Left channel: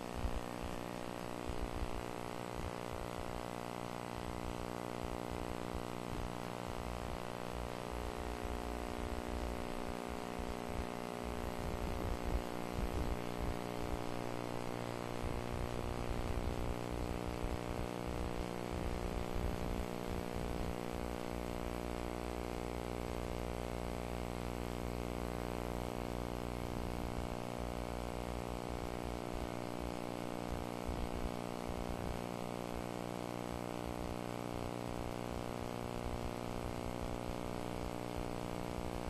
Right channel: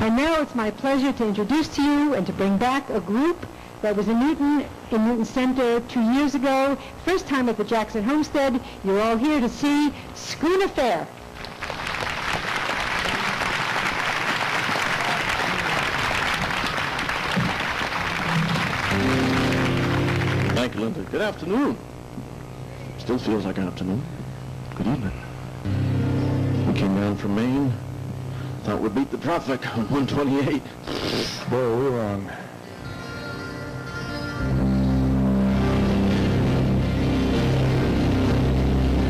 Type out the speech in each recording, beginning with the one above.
And now it's my pleasure to introduce to you and to bring back a group that was in Newton Center 2 years ago. First time at the Jackson Homestead. You're all here to see Schooner Fare. Thank you, Linda. Good afternoon. Still feels like afternoon. Good evening. We came down from Maine. Thought we'd beat the traffic on 128. Boy, we were wrong.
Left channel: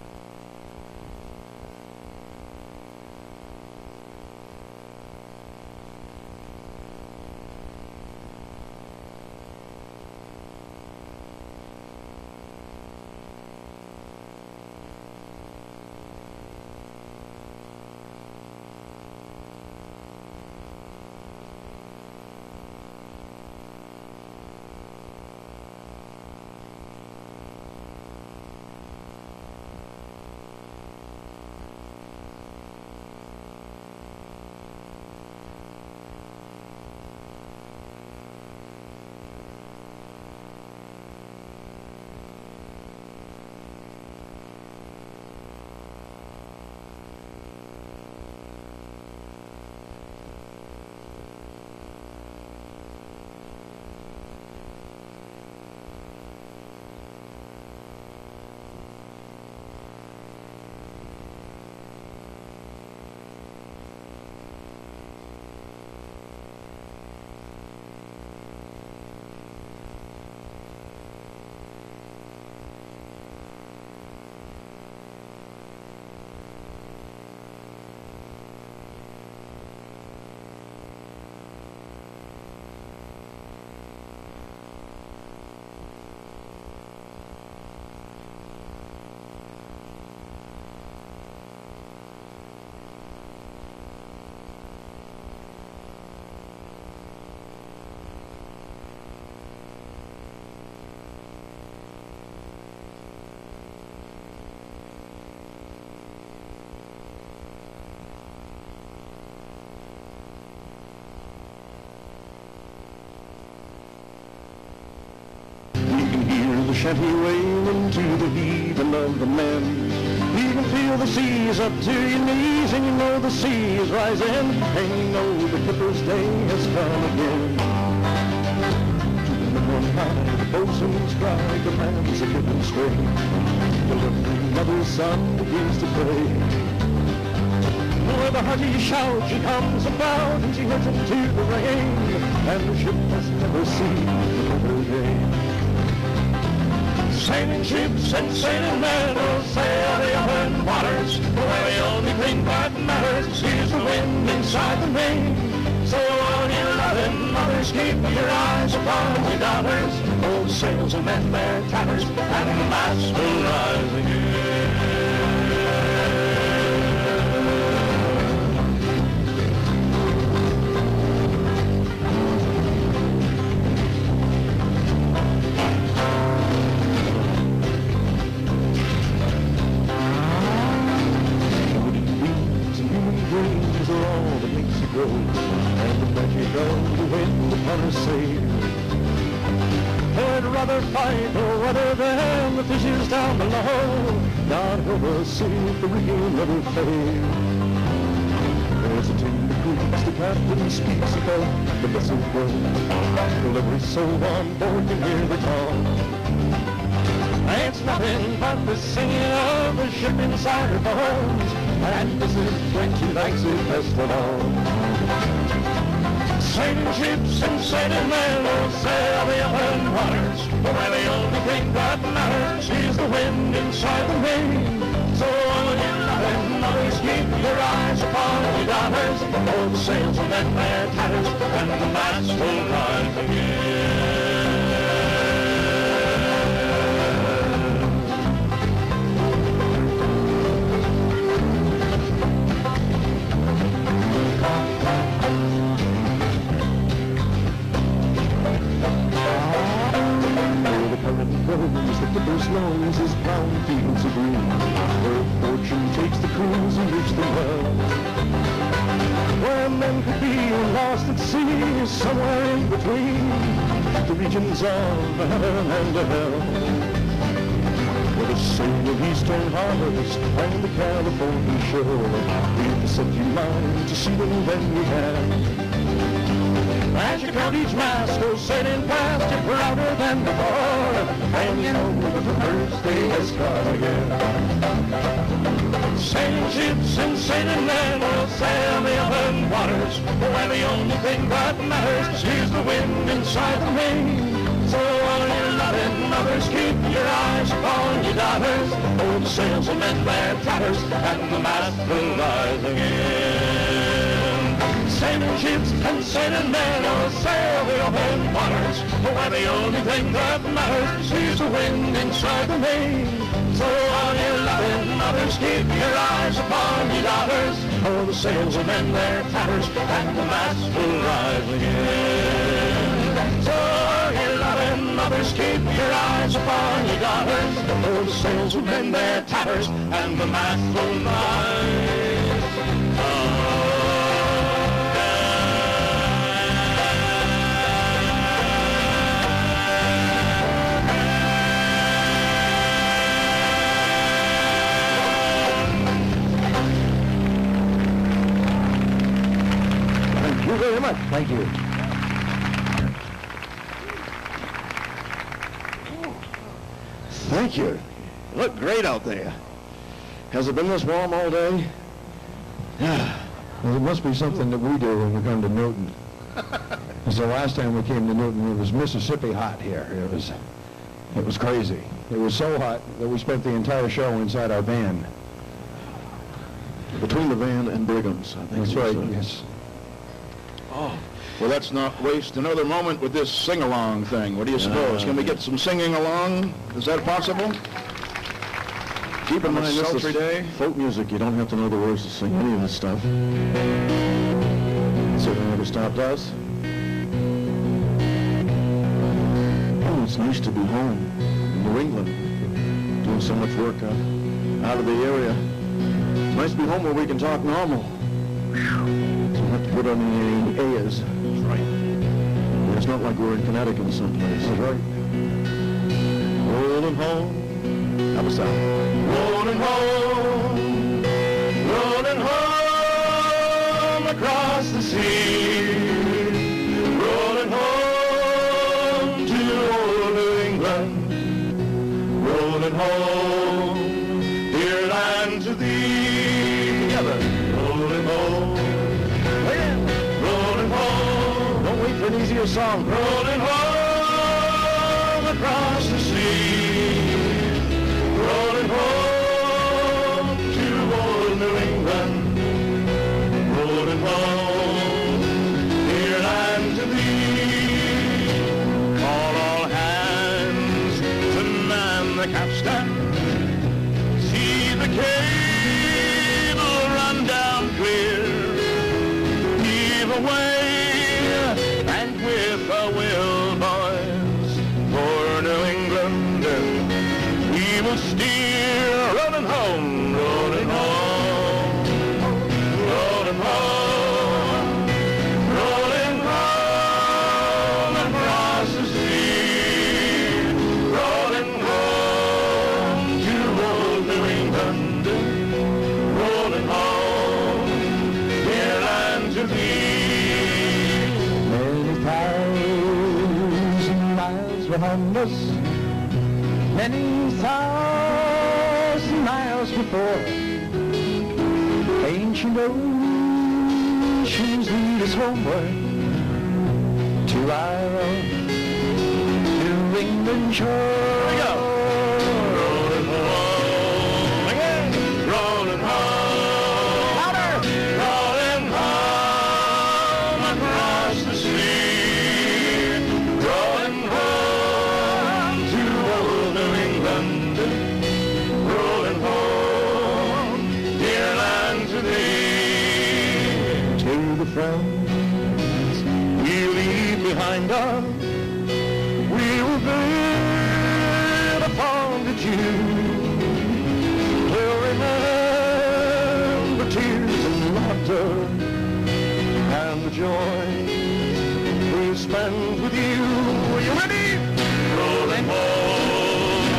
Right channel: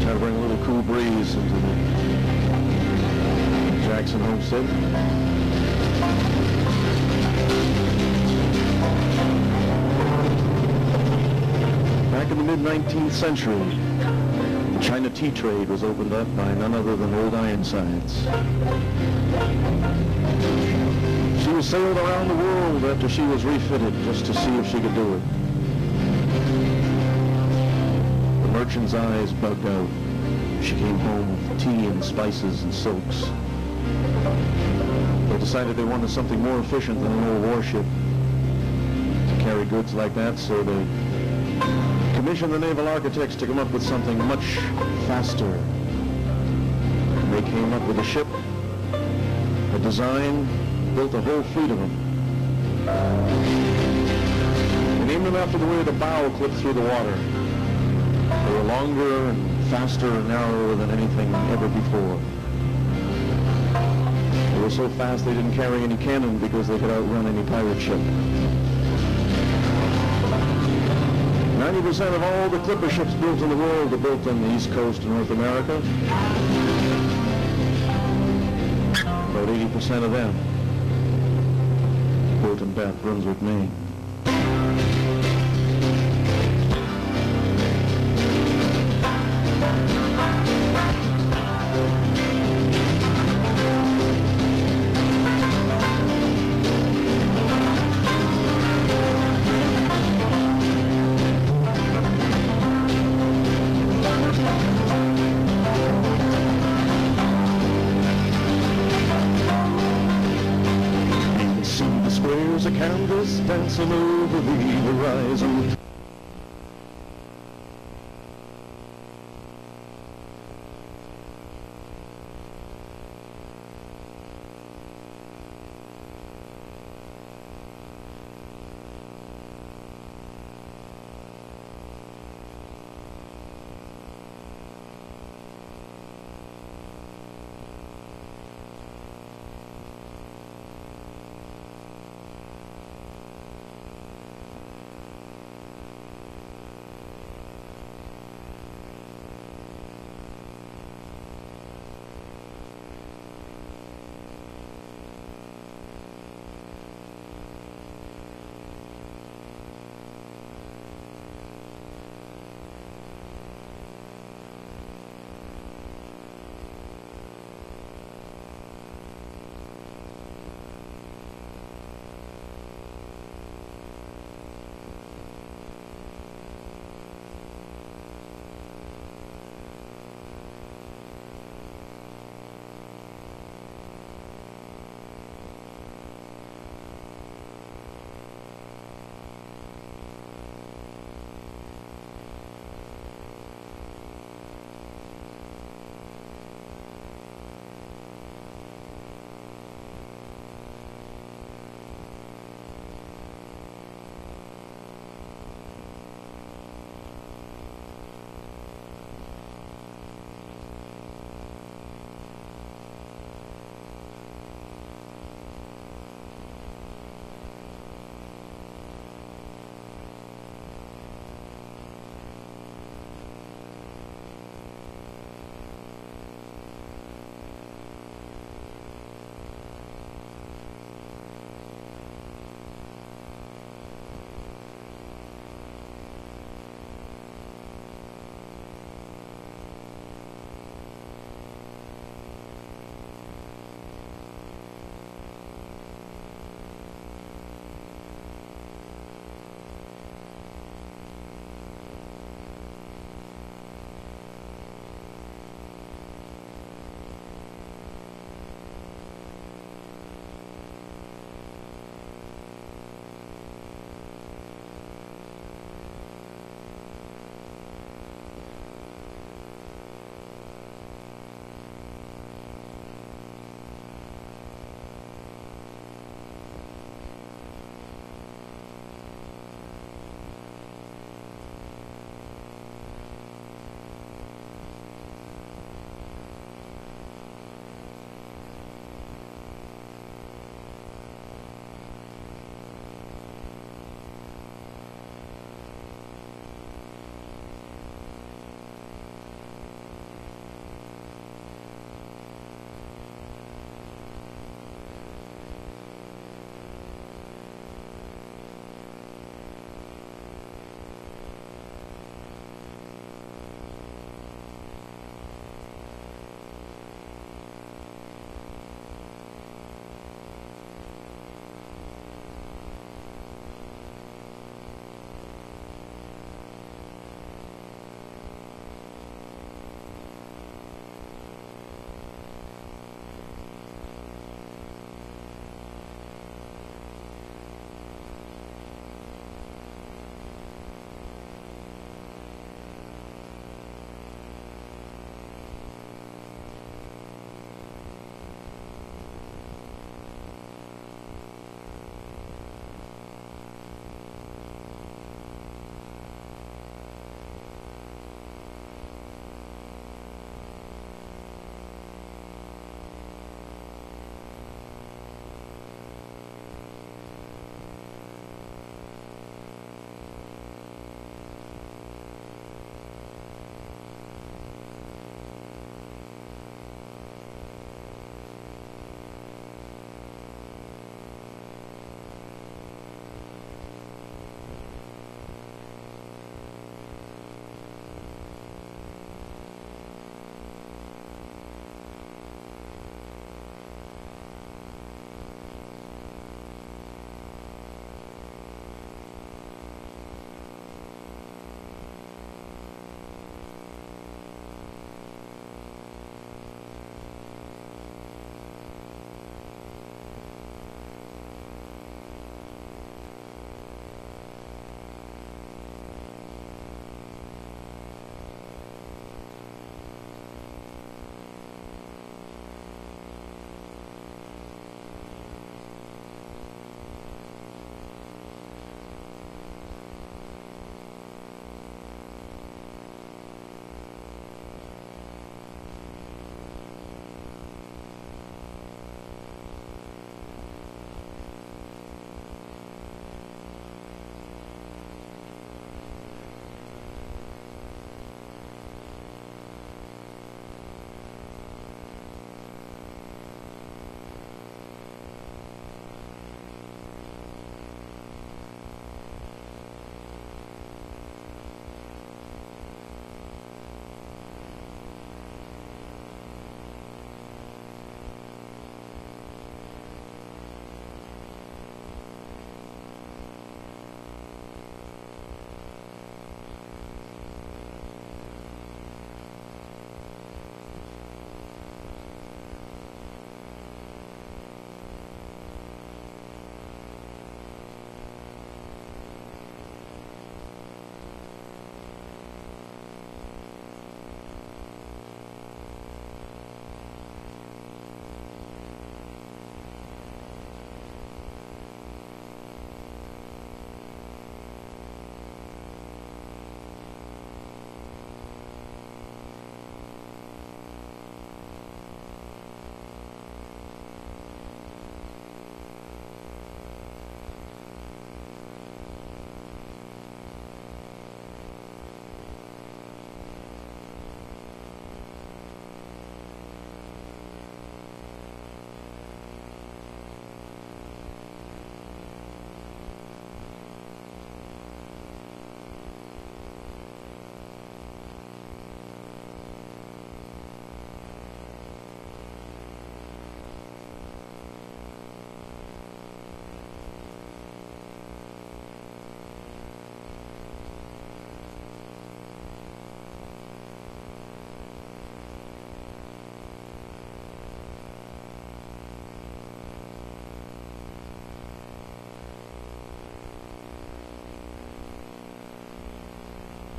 Try to bring a little cool breeze into the Jackson Homestead. Back in the mid-19th century, the China tea trade was opened up by none other than Old Ironsides. She was sailed around the world after she was refitted just to see if she could do it. The merchant's eyes bugged out. She came home with tea and spices and silks. They decided they wanted something more efficient than an old warship to carry goods like that, so they commissioned the naval architects to come up with something much faster. And they came up with a ship, a design, built a whole fleet of them. They named them after the way the bow clipped through the water. They were longer and faster and narrower than anything ever before. They were so fast they didn't carry any cannon because they could outrun any pirate ship. 90% of all the clipper ships built in the world are built on the east coast of North America. About 80% of them built in Bath, Brunswick, Maine. Dancing over the horizon, you can hear the shanty wailing to the heaving of the men. You can feel the seas up to your knees, and you know the sea is rising, and you know the clipper's day has come again. On high, the boatswain's cry, the man's a getting straight. The little mother's son begins to pray. With a hearty shout she comes about, and she heads into the rain, and the ship has never seen the better day. Sailing ships and sailing men will sail the open waters, where the only thing that matters is the wind inside the main. So all you loving mothers, keep your eyes upon your daughters. Old sails will mend their tatters, and the mast will rise again. I'd rather fight or rather than the fishes down below, not ever see the real never fail. There's a tender breeze the captain speaks about the vessel goes, till every soul on board can hear the call. It's nothing but the singing of the ship inside her bones, and this is when she likes it best of all. Sailing ships and sailing men will sail the open waters, where the only thing that matters is the wind inside the main. So all you loving mothers, keep your eyes upon your daughters. Old sails will mend their tatters, and the mast will rise again. The clipper's lungs as brown fields of green, where fortune takes the crews and reach them well, where men could be and lost at sea, somewhere in between the regions of heaven and hell. With a single eastern harvest and the California shore, we've set you mind to see them when we have. As you count each mast goes sailing past, you're prouder than before, and you know that the birthday has come again. Sailing ships and sailing men will sail the open waters, where the only thing that matters is the wind inside the Maine. So all your loving mothers, keep your eyes upon your daughters. Oh, the sails will mend their tatters, and the mast will rise again. Sailing ships and sailing men will sail the open waters, where the only thing that matters is the wind inside the Maine. So all your loving mothers, keep your eyes upon your daughters. Oh, the sails will mend their tatters, and the mast will rise again. So all your loving mothers, keep your eyes upon your daughters. Oh, the sails will mend their tatters, and the mast will rise again. Thank you very much. Thank you. Thank you. Look great out there. Has it been this warm all day? Yeah. Well, it must be something that we do when we come to Newton. Because the last time we came to Newton, it was Mississippi hot here. It was crazy. It was so hot that we spent the entire show inside our van. Between the van and Brigham's, I think. That's right, yes. Oh, well, let's not waste another moment with this sing-along thing. What do you suppose? Can we get some singing along? Is that possible? Keep in mind, this sultry is day. folk music. You don't have to know the words to sing any of this stuff. Certainly never stopped us. Oh, it's nice to be home in New England, doing so much work out of the area. It's nice to be home where we can talk normal. Don't have to put on the A's. That's right. It's not like we're in Connecticut someplace. That's right. Rolling home. How was that? Rolling home across the sea. Rolling home to old New England. Rolling home, dear land to thee. Together. Rolling home. Again. Rolling home. Don't wait for an easier song. Rolling home across the sea. Rolling home to old New England. Rolling home, dear land to thee. Call all hands to man the capstan. See the cable run down clear. Heave away and with a will, boys, for New England we will steer. Rolling home, rolling home, rolling home, rolling home across the sea. Rolling home to old New England. Rolling home, dear land to thee. Many thousand miles behind us, many thousand miles before. Ancient oceans lead us homeward to our own New England shore. Here we go. Rolling home again. Rolling home. Louder. Rolling home across the sea. Rolling home to old New England. Rolling home, dear land to thee. To the friends we leave behind us, we will build upon the Jew. We'll remember tears and laughter and the joy we spend with you. Are you ready? Rolling home,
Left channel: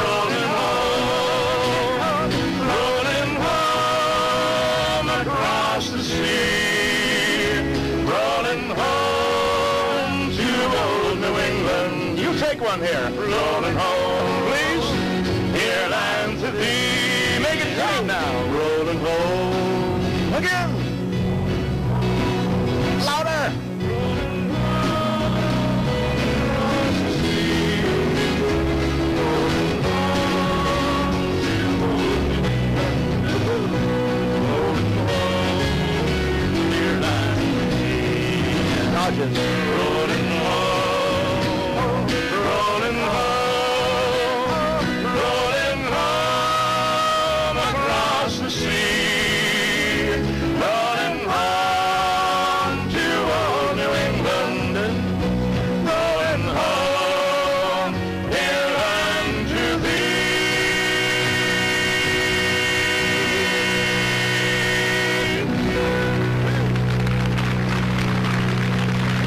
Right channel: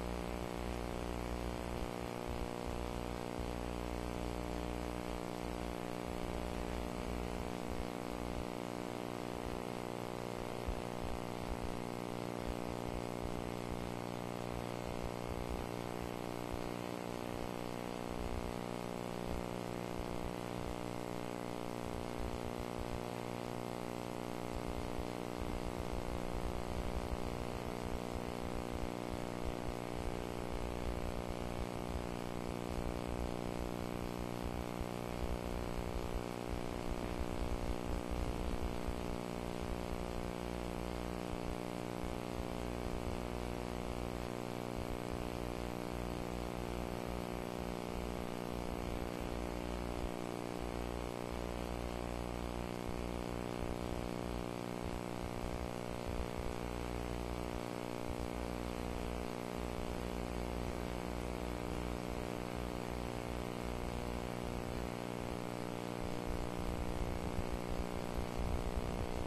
rolling home, rolling home across the sea, rolling home to old New England. You take one here. Rolling home, please, dear land to thee. Make it clean now. Rolling home again. Louder. Rolling home, rolling home, rolling home across the sea, rolling home to old New England, rolling home, here unto thee.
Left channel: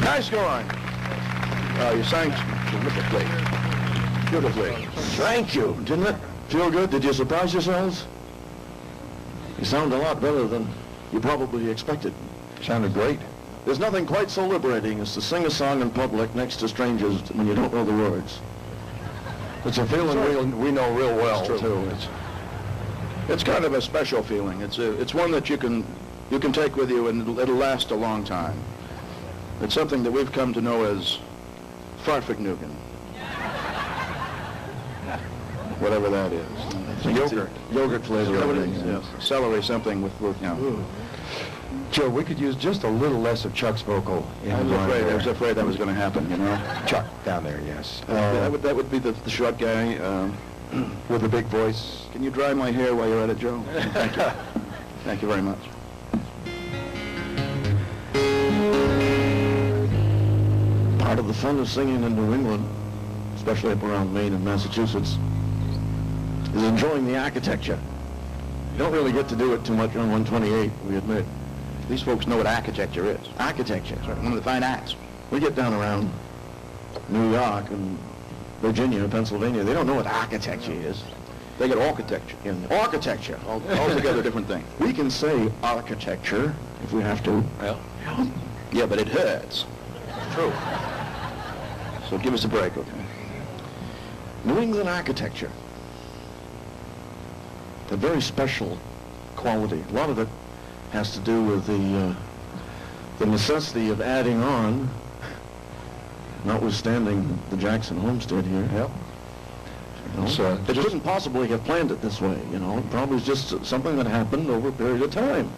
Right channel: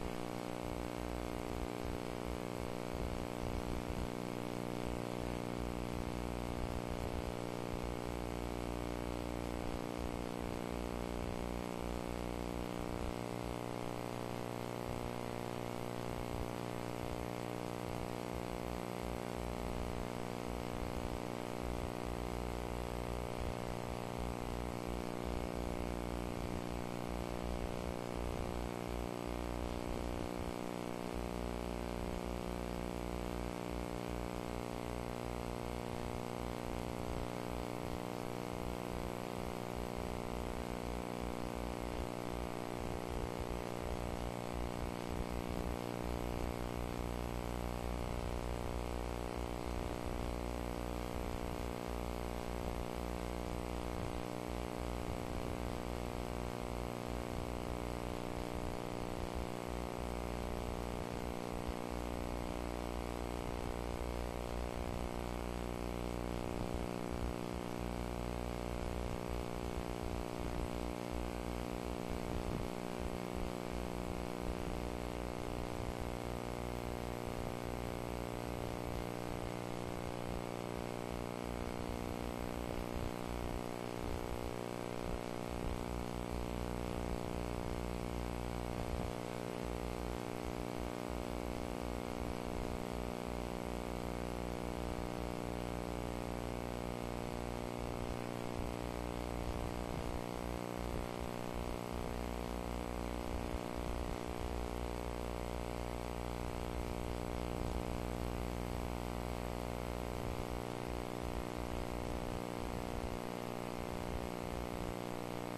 Nice going. You sang terrifically. Beautifully. Thank you. Didn't it feel good? Did you surprise yourselves? You sound a lot better than you probably expected. Sounded great. There's nothing quite so liberating as to sing a song in public next to strangers when you don't know the words. It's a feeling we know real well, too. It's kind of a special feeling. It's one that you can take with you, and it'll last a long time. It's something that we've come to know as farfignugan. Whatever that is. Yogurt flavor. Yes. Celery something with Joe, we could use just a little less of Chuck's vocal. I was afraid that was going to happen, you know. Chuck, down there, yes. That would be the short guy. With the big voice. Can you dry my hair while you're at it, Joe? Thank you. Thank you very much. Part of the fun of singing in New England, especially up around Maine and Massachusetts, is enjoying the architecture. You don't really get to do it too much on 128, we admit. These folks know what architecture is. Architecture. One of the fine arts. We get down around New York and Virginia, Pennsylvania. They don't know what architecture is. They get architecture. Architecture. Altogether different thing. We can say architecture if we have to. Well, yeah, but it hurts. True. So give us a break, okay? New England architecture. A very special quality. A lot of it has to do with the necessity of adding on, notwithstanding the Jackson Homestead here. Yep. They couldn't possibly have planned it this way, you know. It probably was just something that happened over a period of time.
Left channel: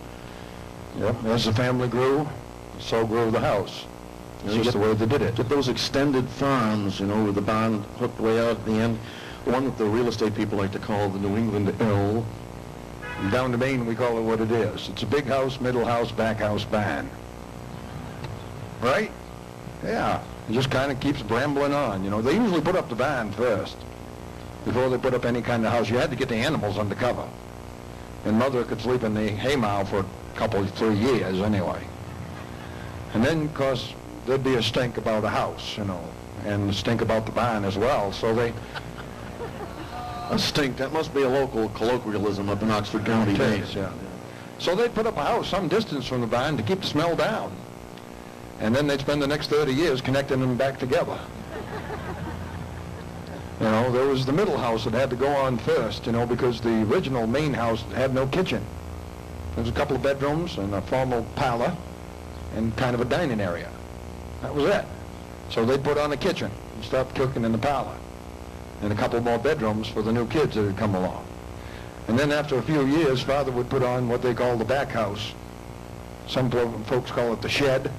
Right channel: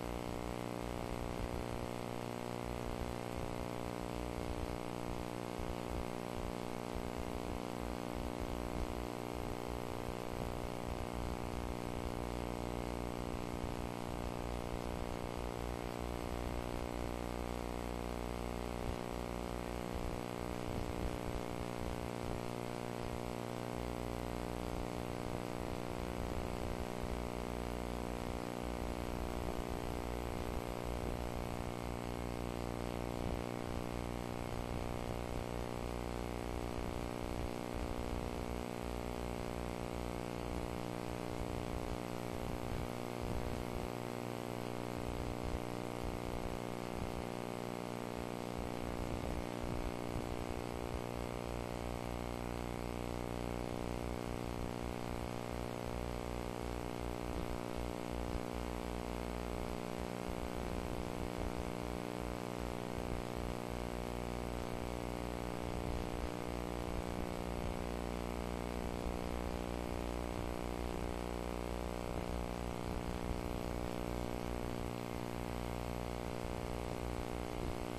Yep. As the family grew, so grew the house. It's just the way they did it. Get those extended farms, you know, with the barn hooked way out at the end. One that the real estate people like to call the New England L. And down to Maine, we call it what it is. It's a big house, middle house, back house, barn. Right? Yeah. It just kind of keeps brambling on, you know. They usually put up the barn first. Before they put up any kind of house, you had to get the animals under cover. And Mother could sleep in the haymow for a couple, 3 years anyway. And then, of course, there'd be a stink about a house, you know, and a stink about the barn as well. So they... A stink, that must be a local colloquialism up in Oxford County, Maine. Yeah. So they'd put up a house some distance from the barn to keep the smell down. And then they'd spend the next 30 years connecting them back together. You know, there was the middle house that had to go on first, you know, because the original main house had no kitchen. There was a couple of bedrooms and a formal parlor and kind of a dining area. That was it. So they'd put on a kitchen and start cooking in the parlor. And a couple more bedrooms for the new kids that had come along. And then after a few years, Father would put on what they call the back house. Some folks call it the shed.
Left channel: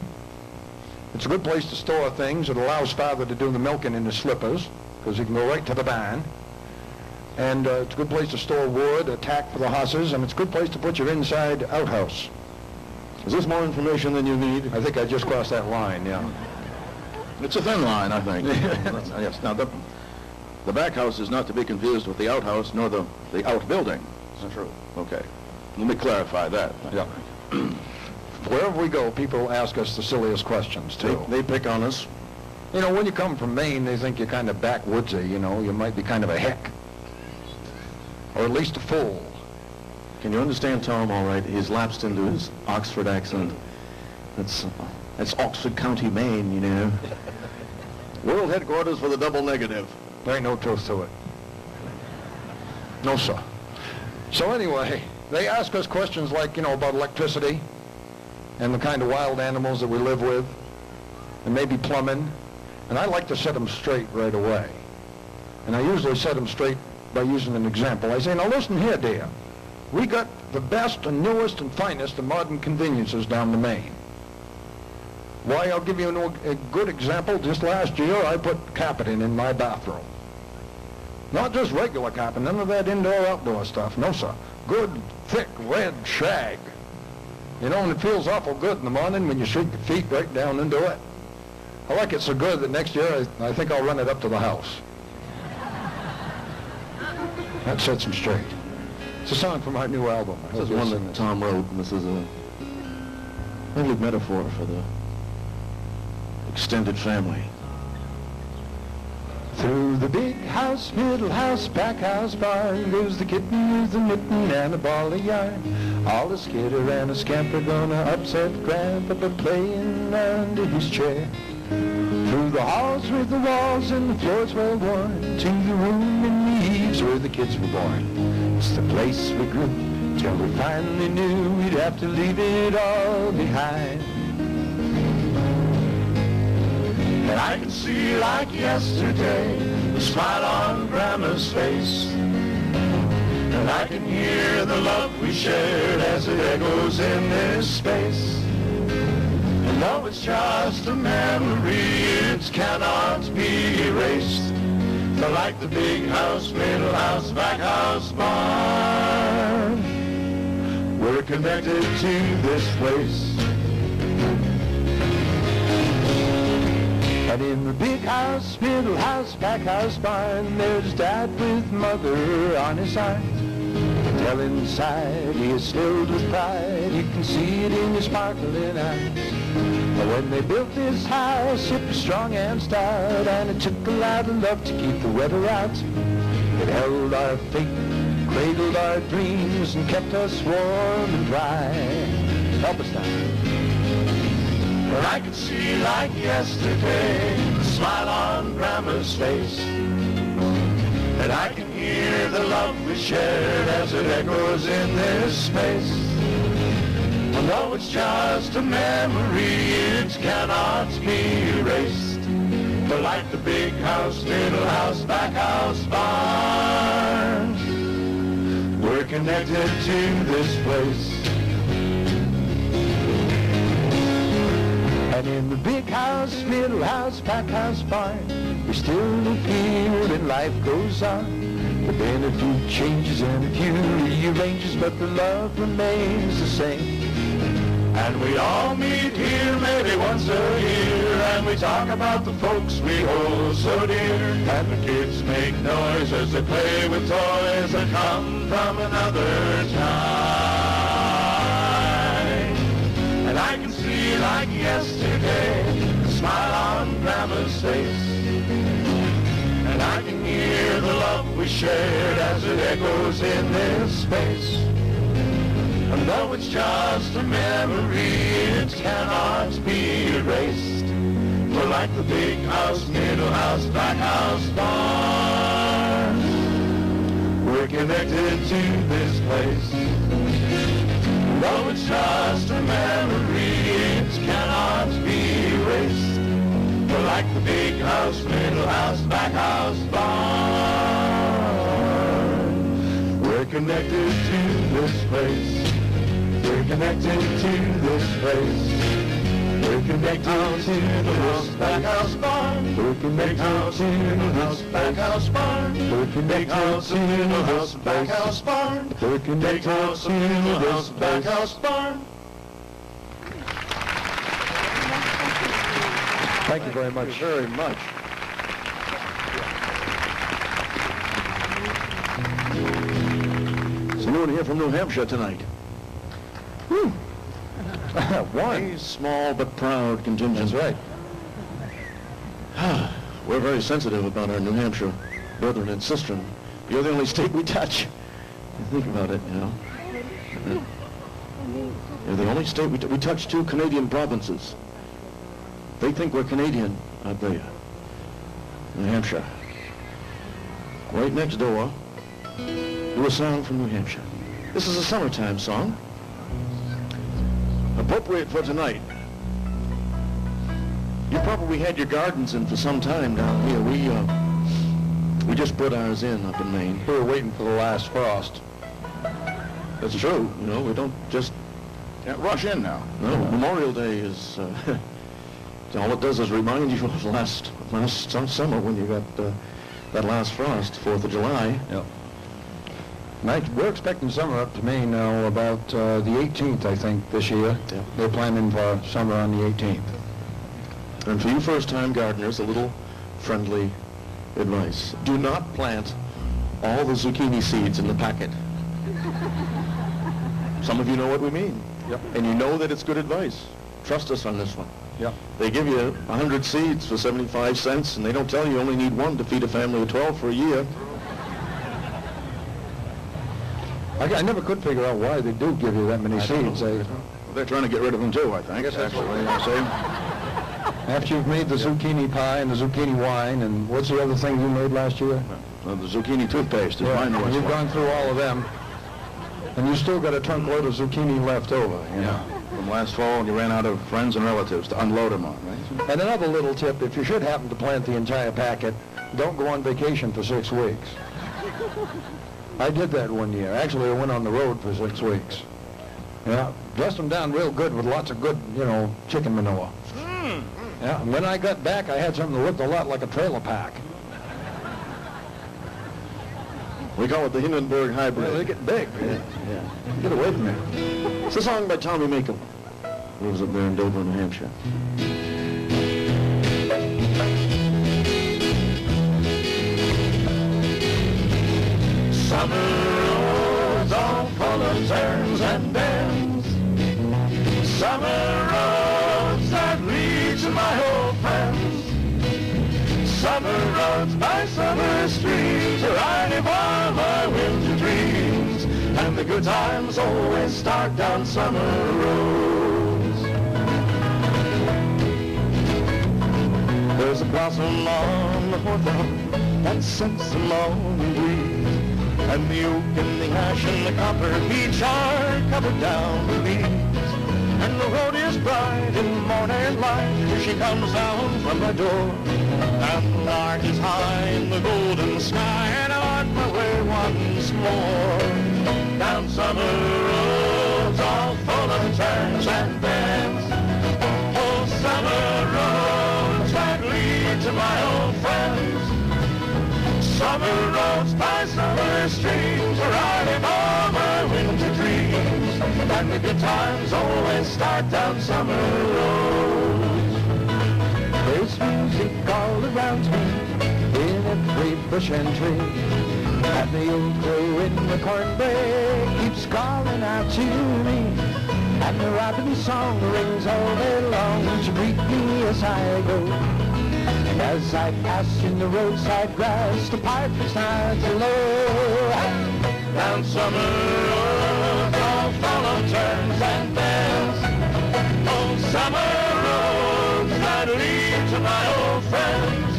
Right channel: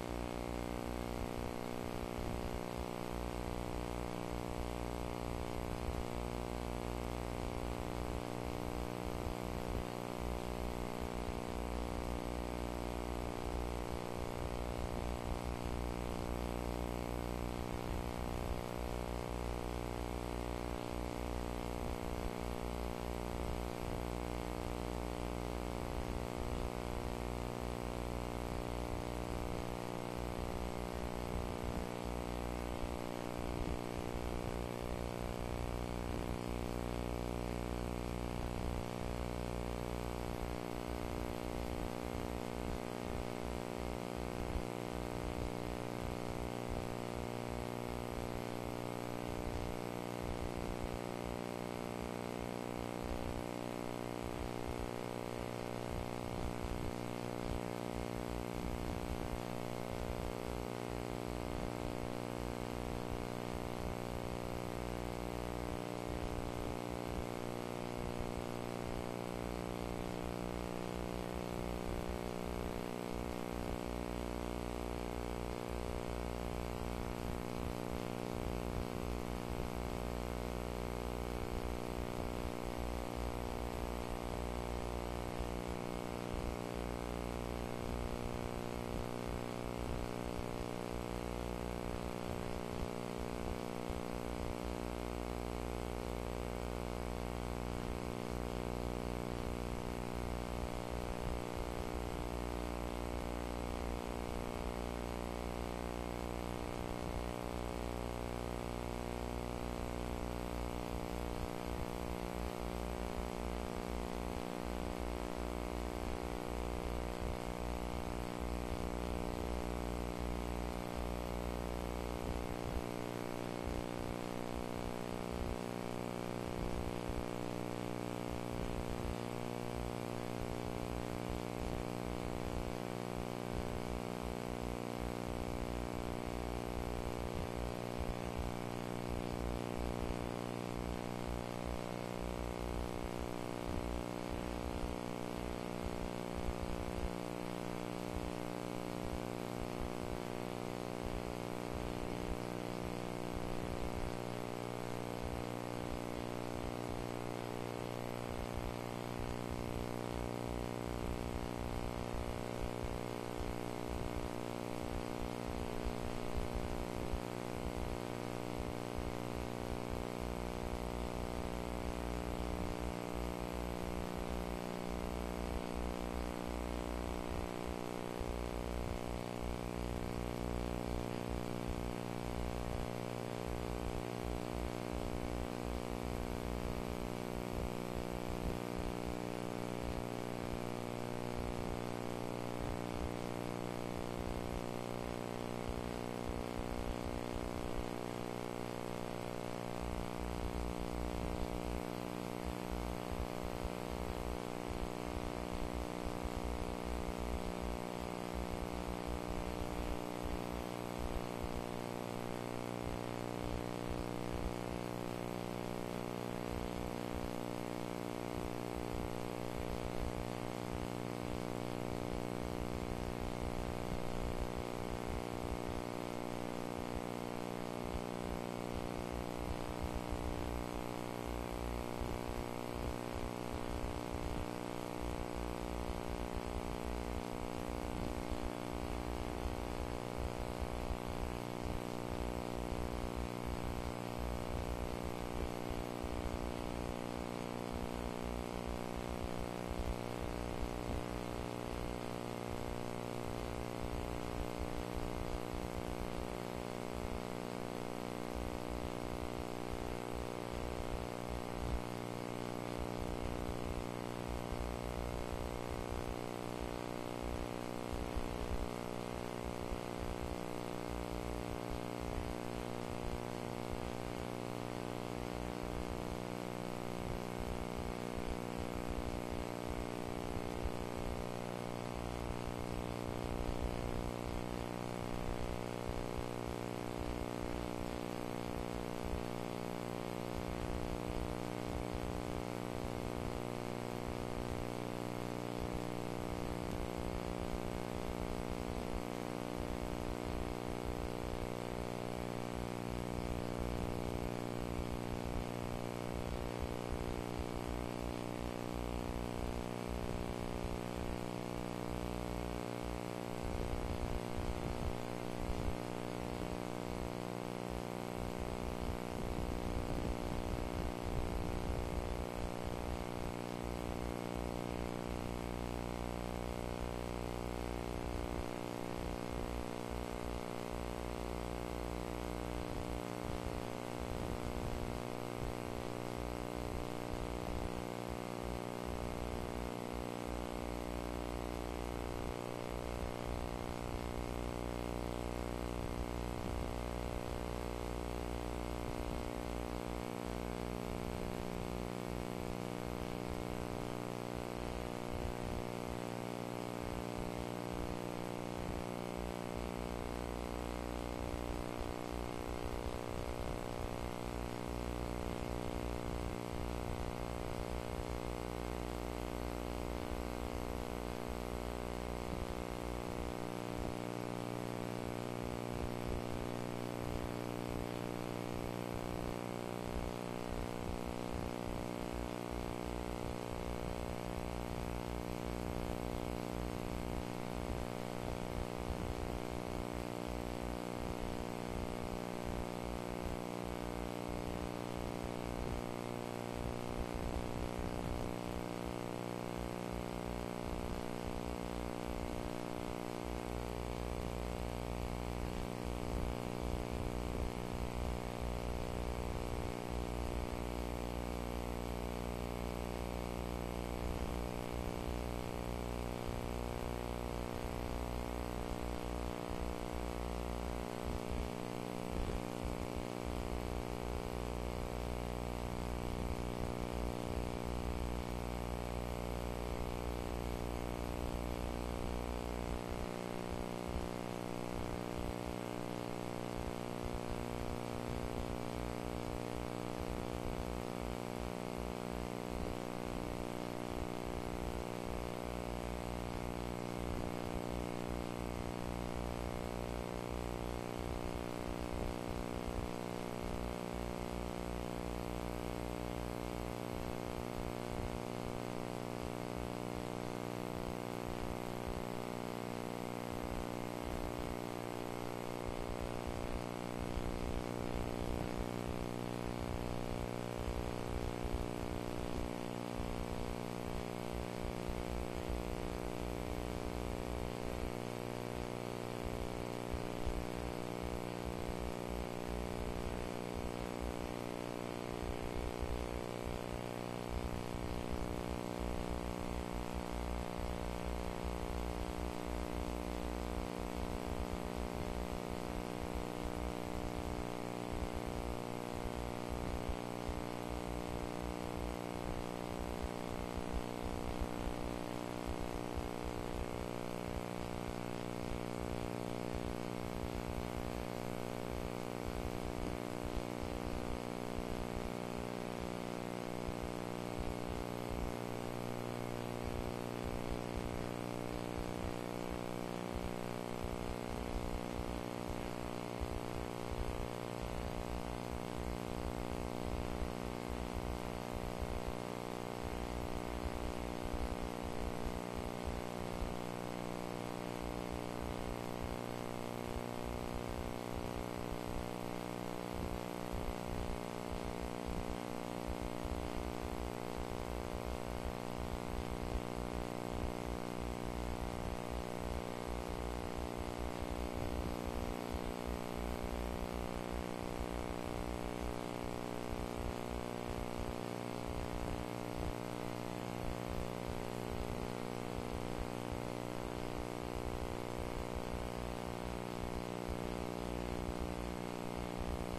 It's a good place to store things. It allows Father to do the milking in his slippers, because he can go right to the barn. And it's a good place to store wood, a tack for the horses, and it's a good place to put your inside outhouse. Is this more information than you need? I think I just crossed that line, yeah. It's a thin line, I think. Yes. Now, the back house is not to be confused with the outhouse, nor the outbuilding. Is that true? Okay. Let me clarify that. Yeah. Wherever we go, people ask us the silliest questions, too. They pick on us. You know, when you come from Maine, they think you're kind of backwoodsy, you know. You might be kind of a hick. Or at least a fool. Can you understand Tom all right? He's lapsed into his Oxford accent. That's Oxford County, Maine, you know. World headquarters for the double negative. There ain't no truth to it. No, sir. So anyway, they ask us questions like, you know, about electricity and the kind of wild animals that we live with, and maybe plumbing. And I like to set them straight right away. And I usually set them straight by using an example. I say, now listen here, dear. We got the best and newest and finest of modern conveniences down the Maine. Why, I'll give you a good example. Just last year, I put carpeting in my bathroom. Not just regular carpet, none of that indoor-outdoor stuff. No, sir. Good, thick, red shag. You know, and it feels awful good in the morning when you sink your feet right down into it. I like it so good that next year I think I'll run it up to the house. That sets them straight. It's a song from our new album. This is one that Tom wrote, and this is a lovely metaphor for the extended family. Through the big house, middle house, back house, barn goes the kitten with the mitten and a ball of yarn. All a skitter and a scamper gonna upset Grandpapa playing under his chair. Through the halls with the walls and the floors well worn, to the room in the eaves where the kids were born. It's the place we grew till we finally knew we'd have to leave it all behind. And I can see like yesterday the smile on Grandma's face. And I can hear the love we shared as it echoes in this space. And though it's just a memory, it cannot be erased. But like the big house, middle house, back house, barn, we're connected to this place. And in the big house, middle house, back house, barn, there's Dad with Mother on his arm. Tell inside he is filled with pride, you can see it in his sparkling eyes. But when they built this house, it was strong and stout, and it took a lot of love to keep the weather out. It held our faith, cradled our dreams, and kept us warm and dry. Help us now. But I can see like yesterday the smile on Grandma's face. And I can hear the love we shared as it echoes in this space. And though it's just a memory, it cannot be erased. But like the big house, middle house, back house, barn, we're connected to this place. And in the big house, middle house, back house, barn, we still live here and life goes on. There've been a few changes and a few rearranges, but the love remains the same. And we all meet here maybe once a year, and we talk about the folks we hold so dear. And the kids make noise as they play with toys that come from another time. And I can see like yesterday the smile on Grandma's face. And I can hear the love we shared as it echoes in this space. And though it's just a memory, it cannot be erased. We're like the big house, middle house, back house, barn. We're connected to this place. And though it's just a memory, it cannot be erased. We're like the big house, middle house, back house, barn. We're connected to this place. We're connected to this place. We're connected to the house, back house, barn. We're connected to the house, back house, barn. We're connected to the house, back house, barn. We're connected to the house, back house, barn. Thank you very much. Very much. So anyone here from New Hampshire tonight? One. A small but proud contingent. That's right. We're very sensitive about our New Hampshire brethren and sistren. You're the only state we touch. Think about it, you know. You're the only state we touch 2 Canadian provinces. They think we're Canadian, I tell you. New Hampshire. Right next door to a song from New Hampshire. This is a summertime song. Appropriate for tonight. You probably had your gardens in for some time down here. We just put ours in up in Maine. We were waiting for the last frost. That's true. You know, we don't just... Can't rush in now. No, Memorial Day is... all it does is remind you of last summer when you got that last frost, 4th of July. Yep. We're expecting summer up to Maine now about the 18th, I think, this year. Yeah. They're planning for summer on the 18th. And for you first-time gardeners, a little friendly advice. Do not plant all the zucchini seeds in the packet. Some of you know what we mean. Yep. And you know that it's good advice. Trust us on this one. Yep. They give you 100 seeds for 75 cents, and they don't tell you only need 1 to feed a family of 12 for a year. I never could figure out why they do give you that many seeds. They're trying to get rid of them too, I think. Actually, what do you want to say? After you've made the zucchini pie and the zucchini wine, and what's the other thing you made last year? The zucchini toothpaste is mine. You've gone through all of them, and you still got a trunk load of zucchini left over. You know? From last fall, and you ran out of friends and relatives to unload them on. Right? And another little tip, if you should happen to plant the entire packet, don't go on vacation for 6 weeks. I did that one year. Actually, I went on the road for 6 weeks. Yeah, dressed them down real good with lots of good, chicken manure. Yeah, and when I got back, I had something that looked a lot like a trailer park. We call it the Hindenburg hybrid. They get big. Yeah. Get away from there. It's a song by Tommy Makem. Lives up there in Dover, New Hampshire. Summer roads all full of turns and bends. Summer roads that lead to my old friends. Summer roads by summer streams are riding by my winter dreams. And the good times always start down summer roads. There's a blossom on the hawthorn that scents the morning breeze. And the oak and the ash and the copper beech are covered down with leaves. And the road is bright in morning light as she comes down from my door. And the lark is high in the golden sky, and I'm on my way once more. Down summer roads all full of turns and bends. Oh, summer roads that lead to my old friends. Summer roads by summer streams are riding all my winter dreams. And the good times always start down summer roads. There's music all around me, in every bush and tree. And the old crow in the cornbread keeps calling out to me. And the robin song rings all day long to greet me as I go. And as I pass in the roadside grass, the piper's nods low. Down summer roads all full of turns and bends. Oh, summer roads that lead to my old friends.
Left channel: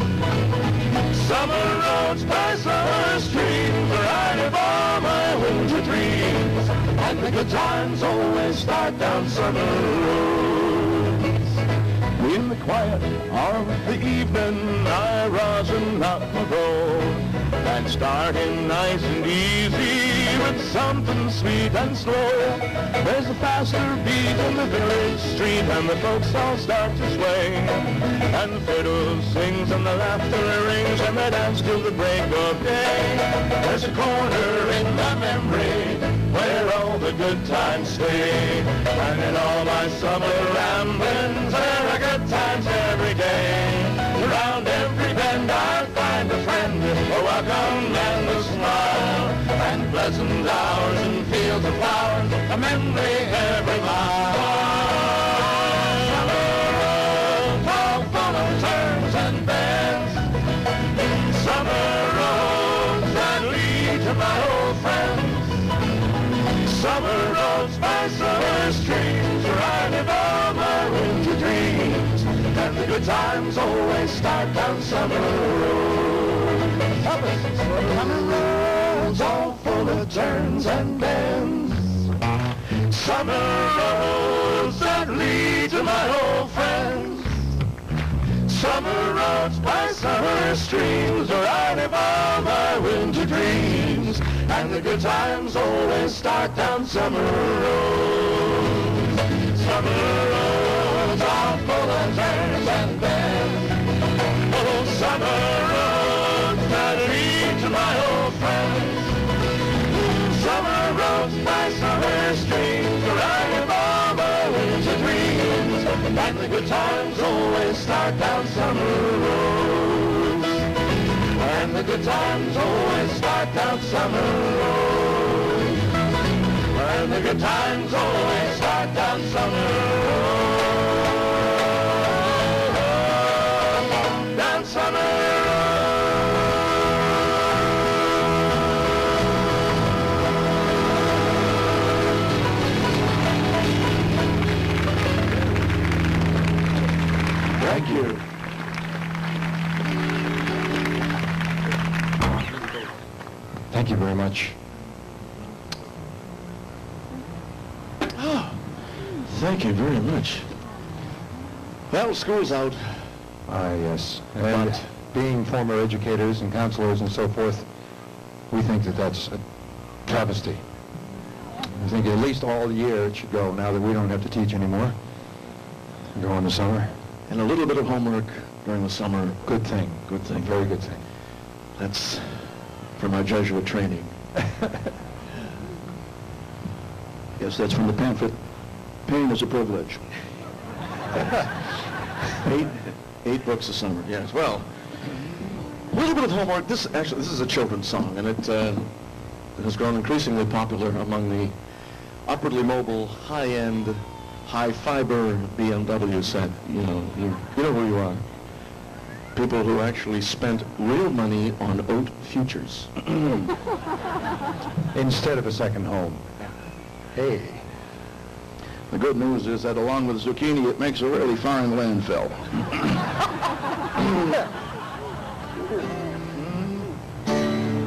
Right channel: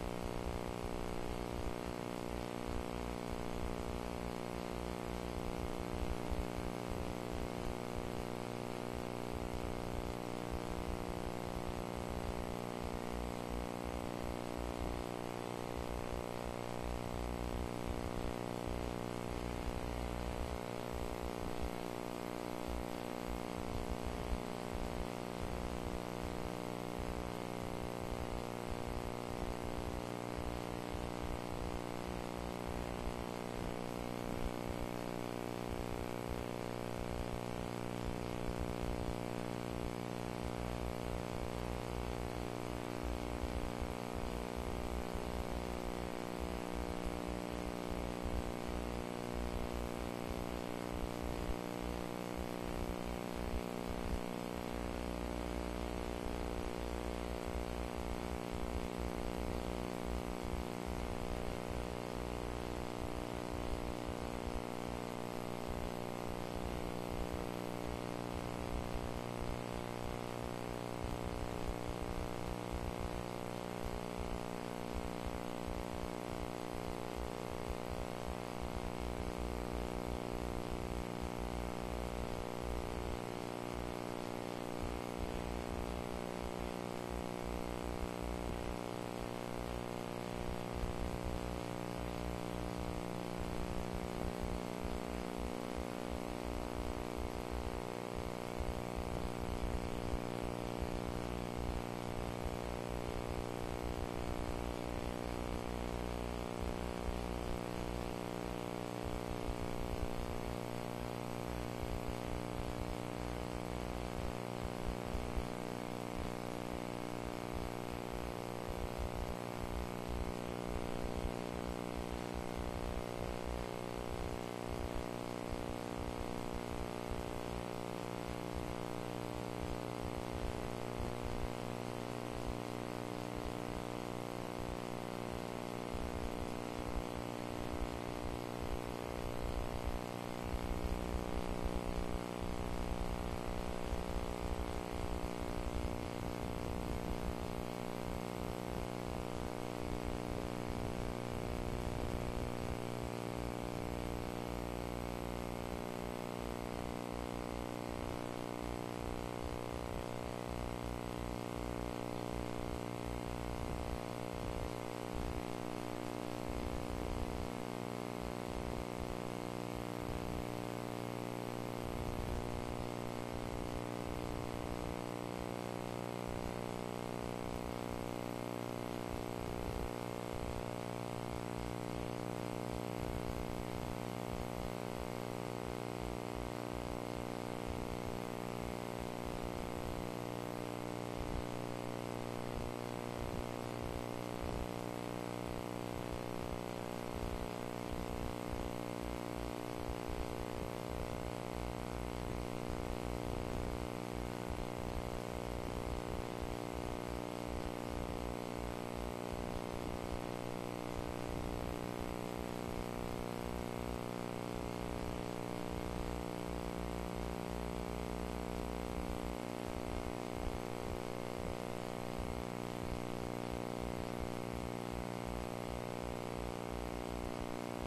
Summer roads by summer streams are riding by my winter dreams. And the good times always start down summer roads. In the quiet of the evening, I rise and knock my door. And starting nice and easy with something sweet and slow. There's a faster beat in the village street, and the folks all start to sway. And the fiddle sings and the laughter rings, and they dance till the break of day. There's a corner in my memory where all the good times stay. And in all my summer ramblings, there are good times every day. Around every bend I find a friend, a welcome and a smile. And pleasant hours and fields of flowers, a memory every mile. good times always start down summer road. Summer roads all full of turns and bends. Summer roads that lead to my old friends. Summer roads by summer streams where I live all my winter dreams. And the good times always start down summer roads. Summer roads are full of turns and bends. Oh, summer roads that lead to my old friends. Summer roads by summer streams where I live all my winter dreams. And the good times always start down summer roads. And the good times always start down summer roads. And the good times always start down summer roads. Down summer roads. Thank you. Thank you very much. Thank you very much. Well, school's out. Ah, yes. And But- being former educators and counselors and so forth, we think that that's a travesty. I think at least all year it should go, now that we don't have to teach anymore. Go in the summer. And a little bit of homework during the summer. Good thing. Good thing. Very good thing. That's from our Jesuit training. Yes, that's from the pamphlet. Pain is a privilege. 8 books a summer, yes. Well, a little bit of homework. This is a children's song, and it has grown increasingly popular among the upwardly mobile, high-end, high-fiber BMW set. You know who you are. People who actually spent real money on oat futures. Instead of a second home. Hey. The good news is that along with zucchini, it makes a really fine landfill.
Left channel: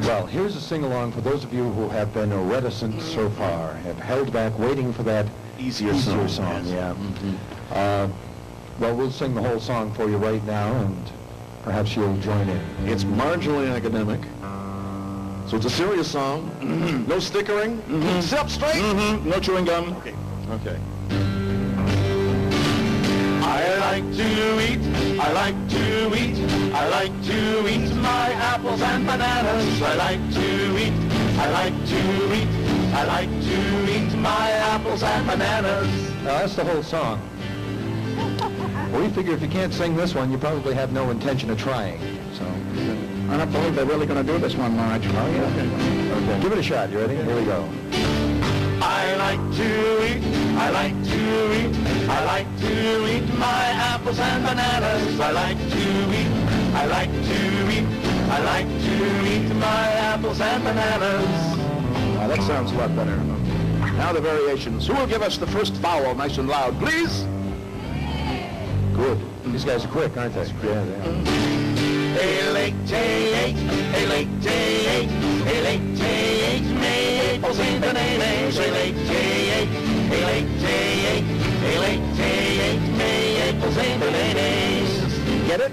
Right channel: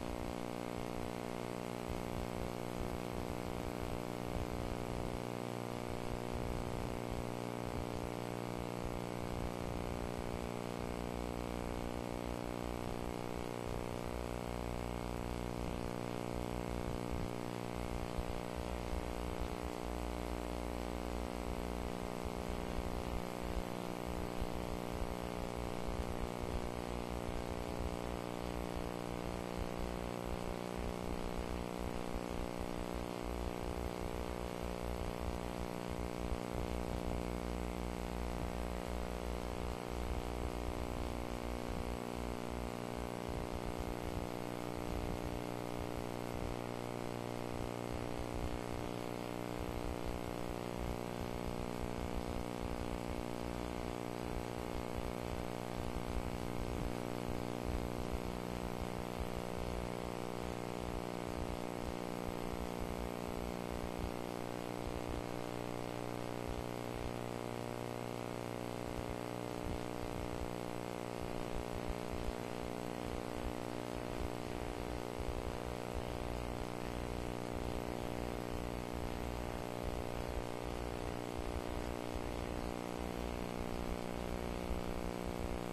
Well, here's a sing-along for those of you who have been reticent so far, have held back waiting for that Easier song. yes. Yeah. Well, we'll sing the whole song for you right now, and perhaps you'll join in. It's marginally academic, so it's a serious song. No stickering. Sit up straight. No chewing gum. Okay. I like to eat, I like to eat, I like to eat my apples and bananas. I like to eat, I like to eat, I like to eat my apples and bananas. Now, that's the whole song. We figure if you can't sing this one, you probably have no intention of trying. So, I don't believe they're really going to do this one, Marge. oh yeah. Okay. Give it a shot. You ready? Here we go. I like to eat, I like to eat, I like to eat my apples and bananas. I like to eat, I like to eat, I like to eat my apples and bananas. Now, that sounds a lot better. Now the variations. Who will give us the first vowel nice and loud, please? Good. These guys are quick, aren't they? Yeah, they are. A-late-tay-eight, a-late-tay-eight, a-late-tay-eight, maples and bananas. A-late-tay-eight, a-late-tay-eight, a-late-tay-eight, maples and bananas. Get it?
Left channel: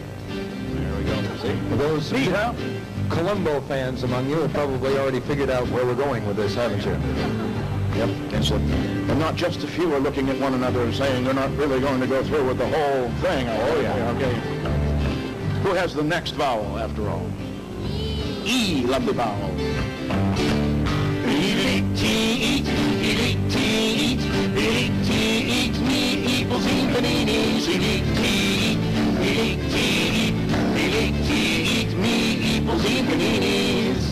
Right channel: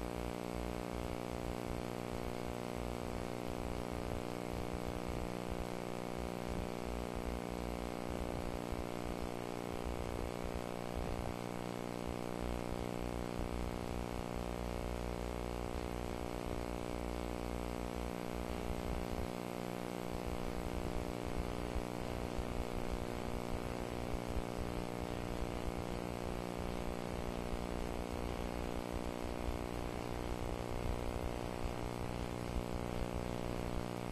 There we go. See? For those Neat, huh? Columbo fans among you have probably already figured out where we're going with this, haven't you? Yep. And not just a few are looking at one another saying they're not really going to go through with the whole thing. Oh, yeah. Okay. Who has the next vowel, after all? E, lovely vowel. E-late-tay-eight, e-late-tay-eight, e-late-tay-eight, me equals e bananas. E-late-tay-eight, e-late-tay-eight, e-late-tay-eight, me equals e bananas.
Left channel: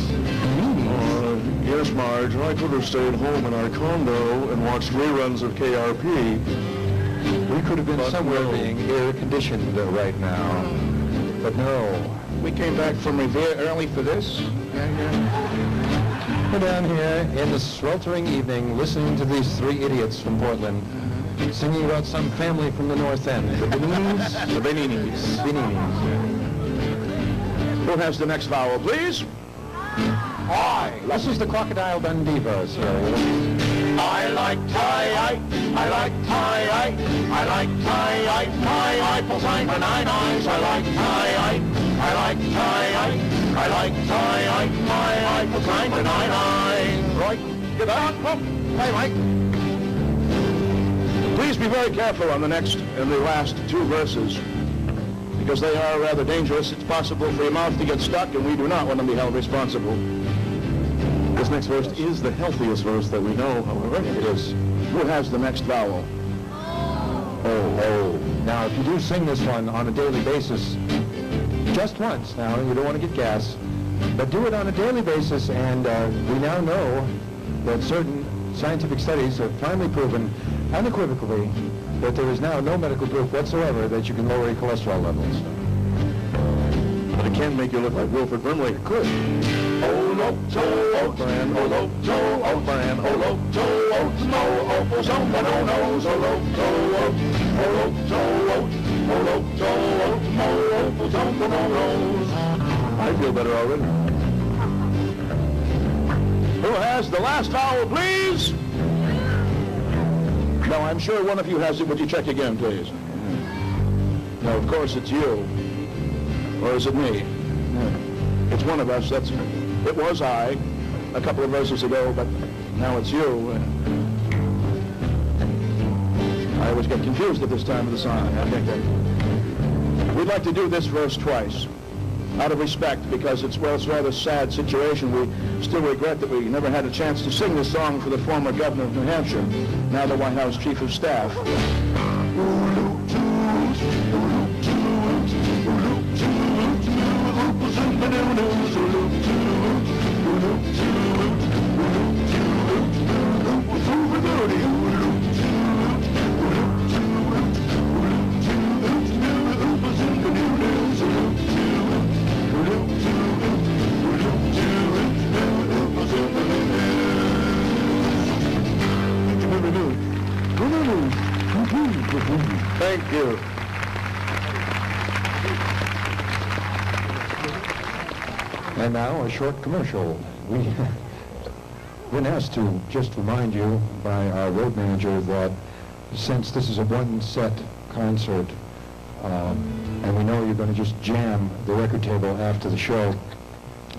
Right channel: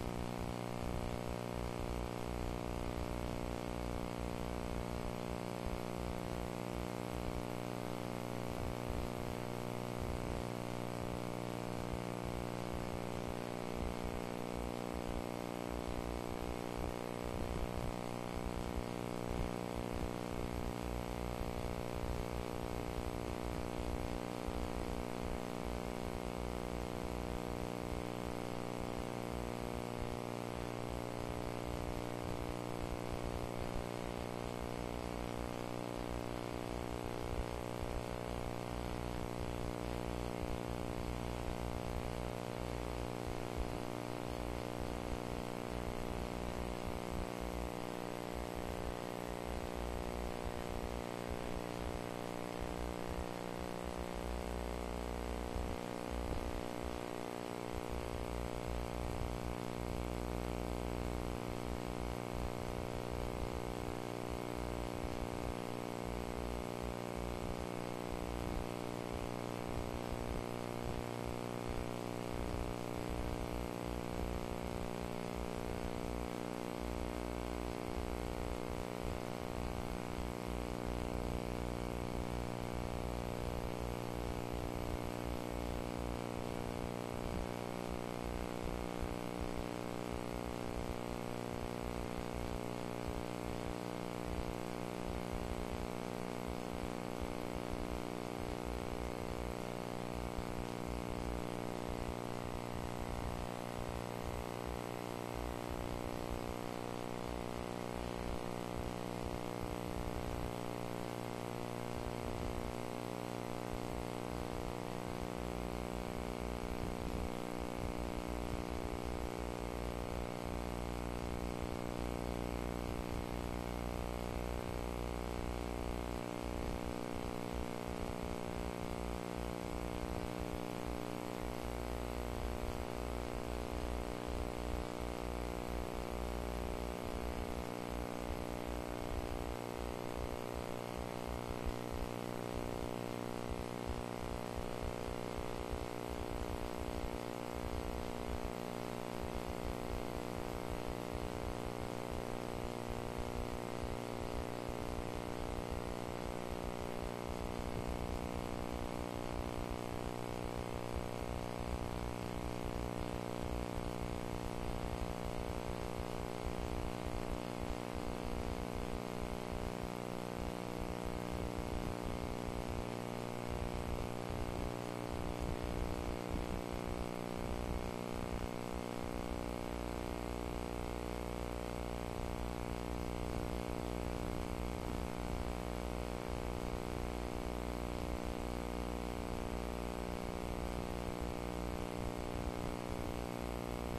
Yes, Marge, I could have stayed home in our condo and watched reruns of KRP. We could have been But somewhere no. being air-conditioned right now. But no. We came back from Revere early for this. We're down here in the sweltering evening listening to these three idiots from Portland Singing about some family from the North End. The Beninis? The Beninis. Beninis. Who has the next vowel, please? I. This is the Crocodile Dundee verse. I like tie-eye, I like tie-eye, I like tie-eye, tie-eye, full sign for 9 eyes. I like tie-eye, I like tie-eye, I like tie-eye, tie-eye, full sign for 9 eyes. Right, get out. Hey, Mike. Please be very careful on the next and the last two verses, because they are rather dangerous. It's possible for your mouth to get stuck, and we do not want to be held responsible. This next verse is the healthiest verse that we know, however. It is. Who has the next vowel? Oh. Now, if you do sing this one on a daily basis, just once, now, you don't want to get gas, but do it on a daily basis, and we now know that certain scientific studies have finally proven unequivocally that there is now no medical proof whatsoever that you can lower your cholesterol levels. But it can make you look like Wilford Brimley. It could. Oloto, Oatman, Oloto, Oatman, Oloto, Oats, no, Opal, someone who knows. Oloto, Oats, Oloto, Oats, Oloto, Oats, no, Opal, someone who knows. I feel better already. Who has the last vowel, please? No, I'm sure one of you has it. Would you check again, please? No, of course it's you. Or is it me? It's one of us. It was I a couple of verses ago, but now it's you. I always get confused at this time of the song. We'd like to do this verse twice, out of respect, because it's a rather sad situation. We still regret that we never had a chance to sing this song for the former governor of New Hampshire, now the White House Chief of Staff. Thank you. And now a short commercial. We've been asked to just remind you by our road manager that since this is a one-set concert, and we know you're going to just jam the record table after the show,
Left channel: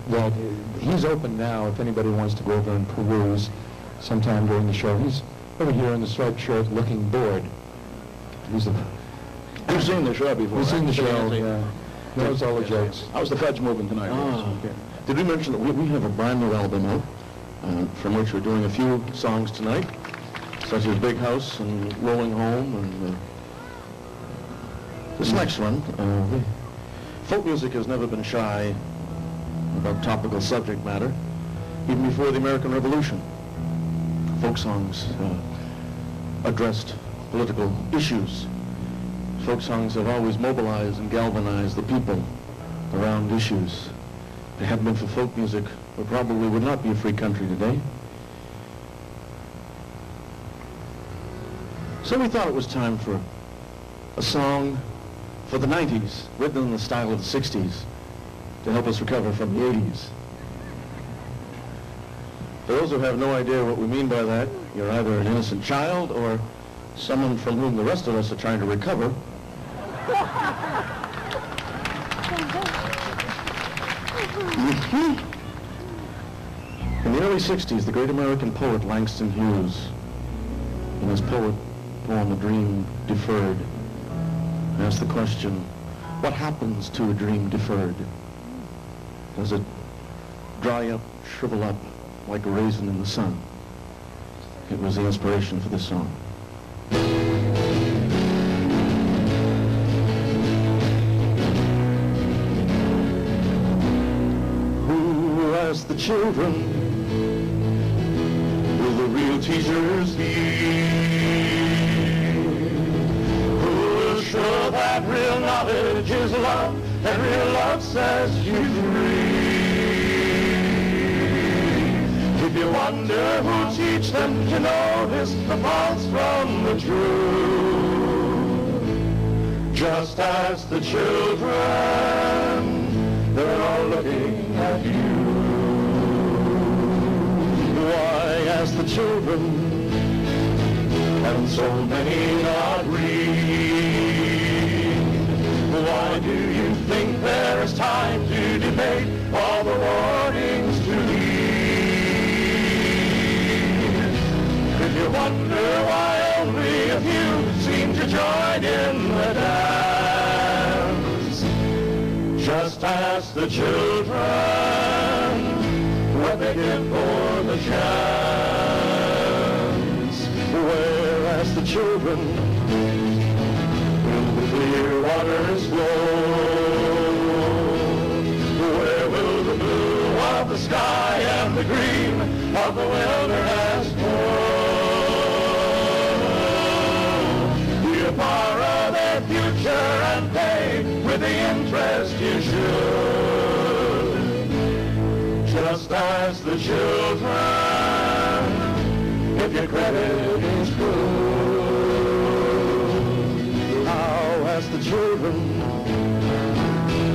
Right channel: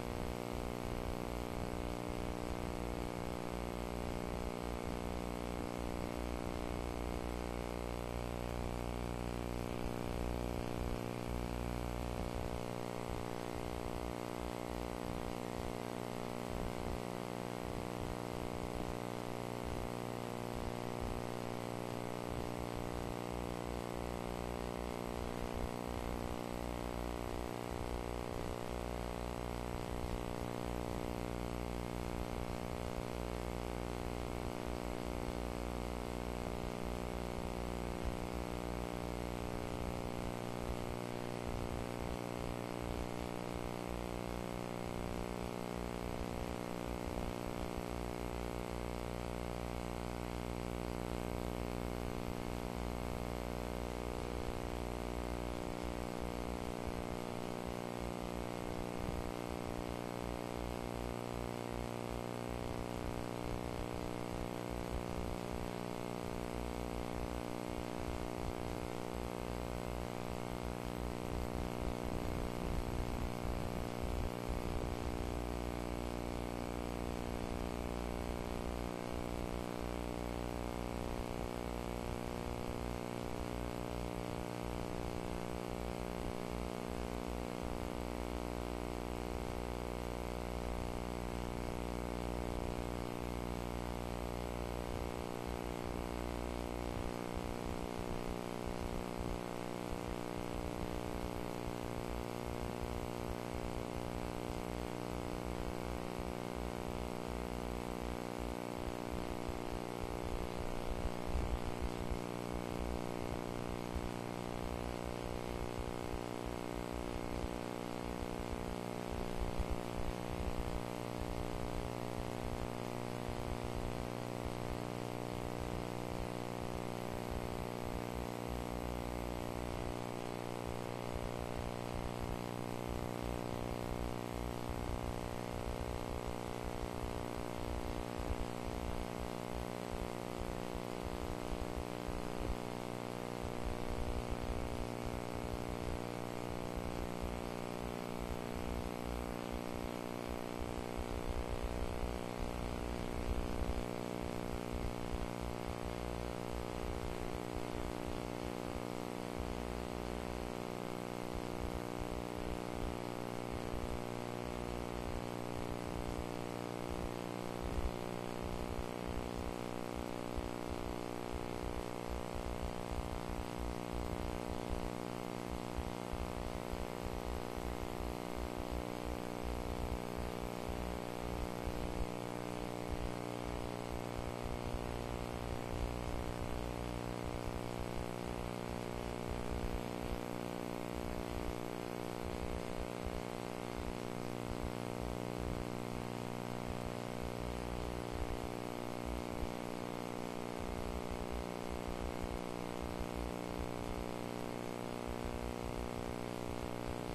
well, he's open now if anybody wants to go over and peruse sometime during the show. He's over here in the striped shirt looking bored. We've seen the show before. We've seen the show, yeah. Knows all the jokes. How's the fudge moving tonight? Did we mention that we have a brand new album out, from which we're doing a few songs tonight, such as Big House and Rolling Home, and this next one. Folk music has never been shy about topical subject matter, even before the American Revolution. Folk songs addressed political issues. Folk songs have always mobilized and galvanized the people around issues. If it hadn't been for folk music, we probably would not be a free country today. So we thought it was time for a song for the 90s, written in the style of the 60s, to help us recover from the 80s. For those who have no idea what we mean by that, you're either an innocent child or someone from whom the rest of us are trying to recover. In the early 60s, the great American poet Langston Hues, in his poem A Dream Deferred, asked the question, what happens to a dream deferred? Does it dry up, shrivel up like a raisin in the sun? It was the inspiration for this song. Who asked the children, will the real teachers be? Who's sure that real knowledge is love, and real love sets you free? If you wonder who teach them, you notice the false from the true. just as the children, they're all looking at you. Why, as the children, and so many not read, why do you think there is time to debate all the warnings to heed? If you wonder why only a few seem to join in the dance, just ask the children what they give for the chance. Whereas the children will the clear waters flow? Where will the blue of the sky and the green of the wilderness grow? You borrow their future and pay with the interest you should, just as the children, if your credit is good. How as the children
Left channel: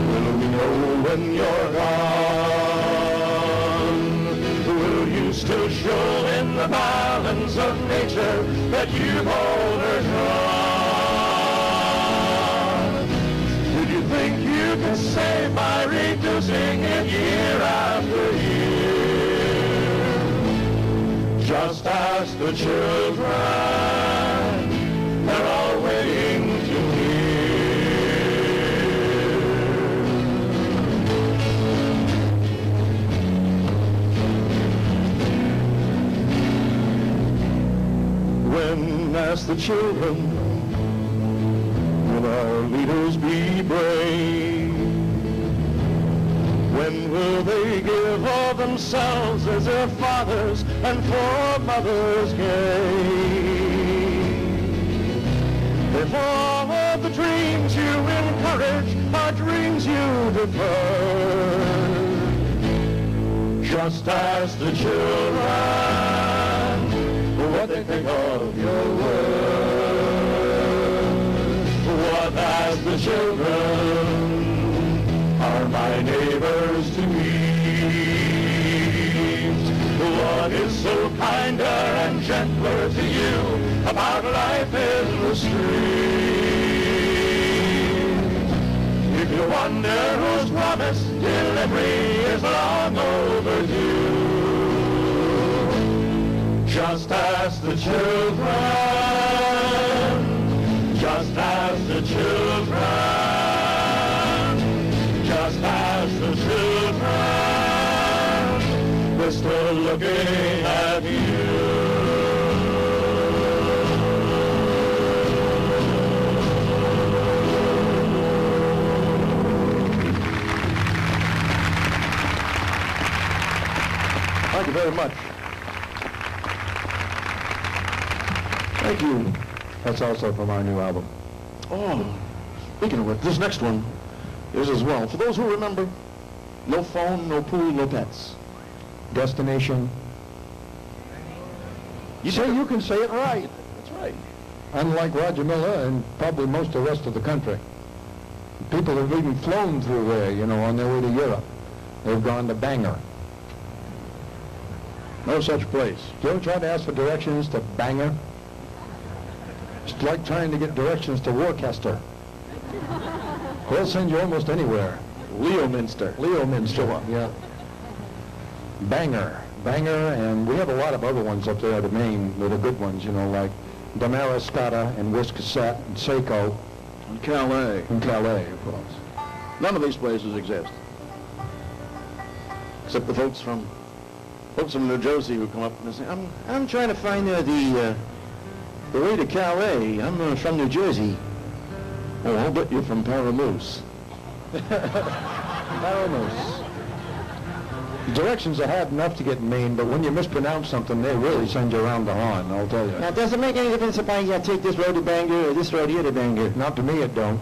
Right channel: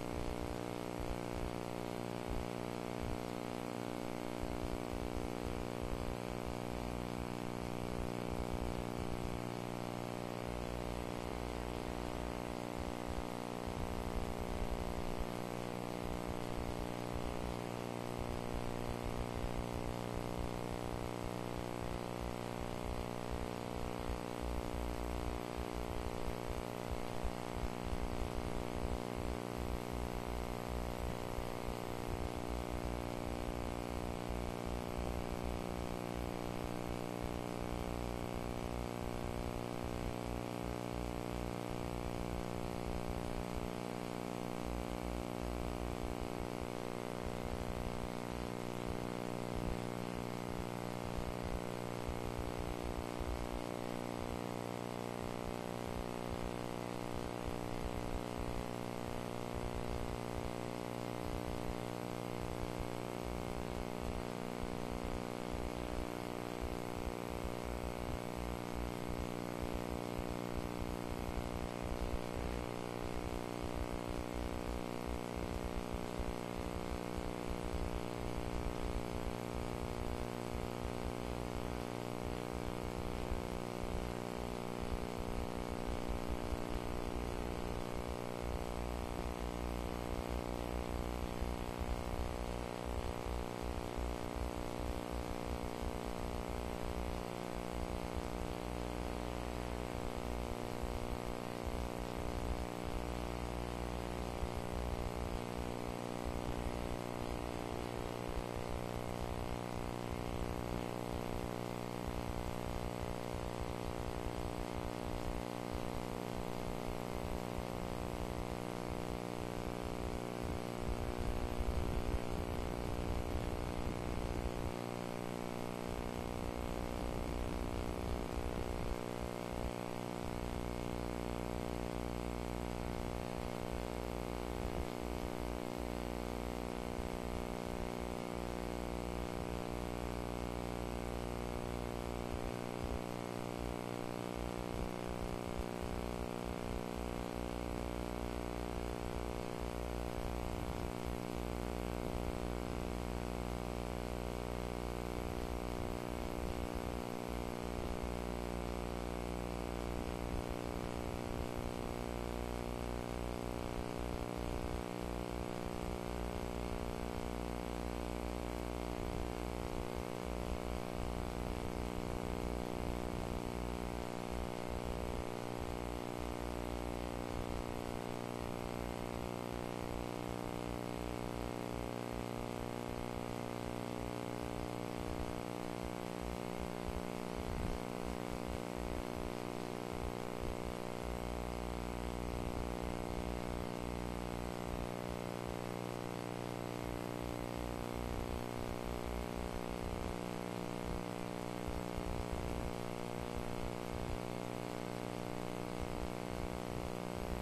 will we know when you're gone? Will you still show in the balance of nature that you've overdrawn? Did you think you could save by reducing it year after year? Just ask the children, they're all waiting to hear. When ask the children, will our leaders be brave? When will they give of themselves as their fathers and foremothers gave? If all of the dreams you encourage are dreams you defer, just ask the children what they think of your words. What ask the children are my neighbors to me? What is so kinder and gentler to you about life in the street? If you wonder whose promise delivery is long overdue, just ask the children, just ask the children. Just as the children, we're still looking at you. Thank you very much. Thank you. That's also from our new album. Oh, speaking of it, this next one is as well. For those who remember, no phone, no pool, no pets. Destination. You can say it right. That's right. Unlike Roger Miller and probably most of the rest of the country. People have even flown through there, you know, on their way to Europe. They've gone to Bangor. No such place. You ever try to ask for directions to Bangor? It's like trying to get directions to Worcester. They'll send you almost anywhere. Leominster. Yeah. Bangor, and we have a lot of other ones up there to Maine that are good ones, you know, like Damariscotta and Wiscasset and Saco. And Calais. And Calais, of course. None of these places exist. Except the folks from New Jersey who come up and say, I'm trying to find the way to Calais. I'm from New Jersey. Oh, I'll bet you're from Paramoose. Paramoose. The directions are hard enough to get in Maine, but when you mispronounce something, they really send you around the horn, I'll tell you. Now, does it make any difference if I take this road to Bangor or this road here to Bangor? Not to me, it don't.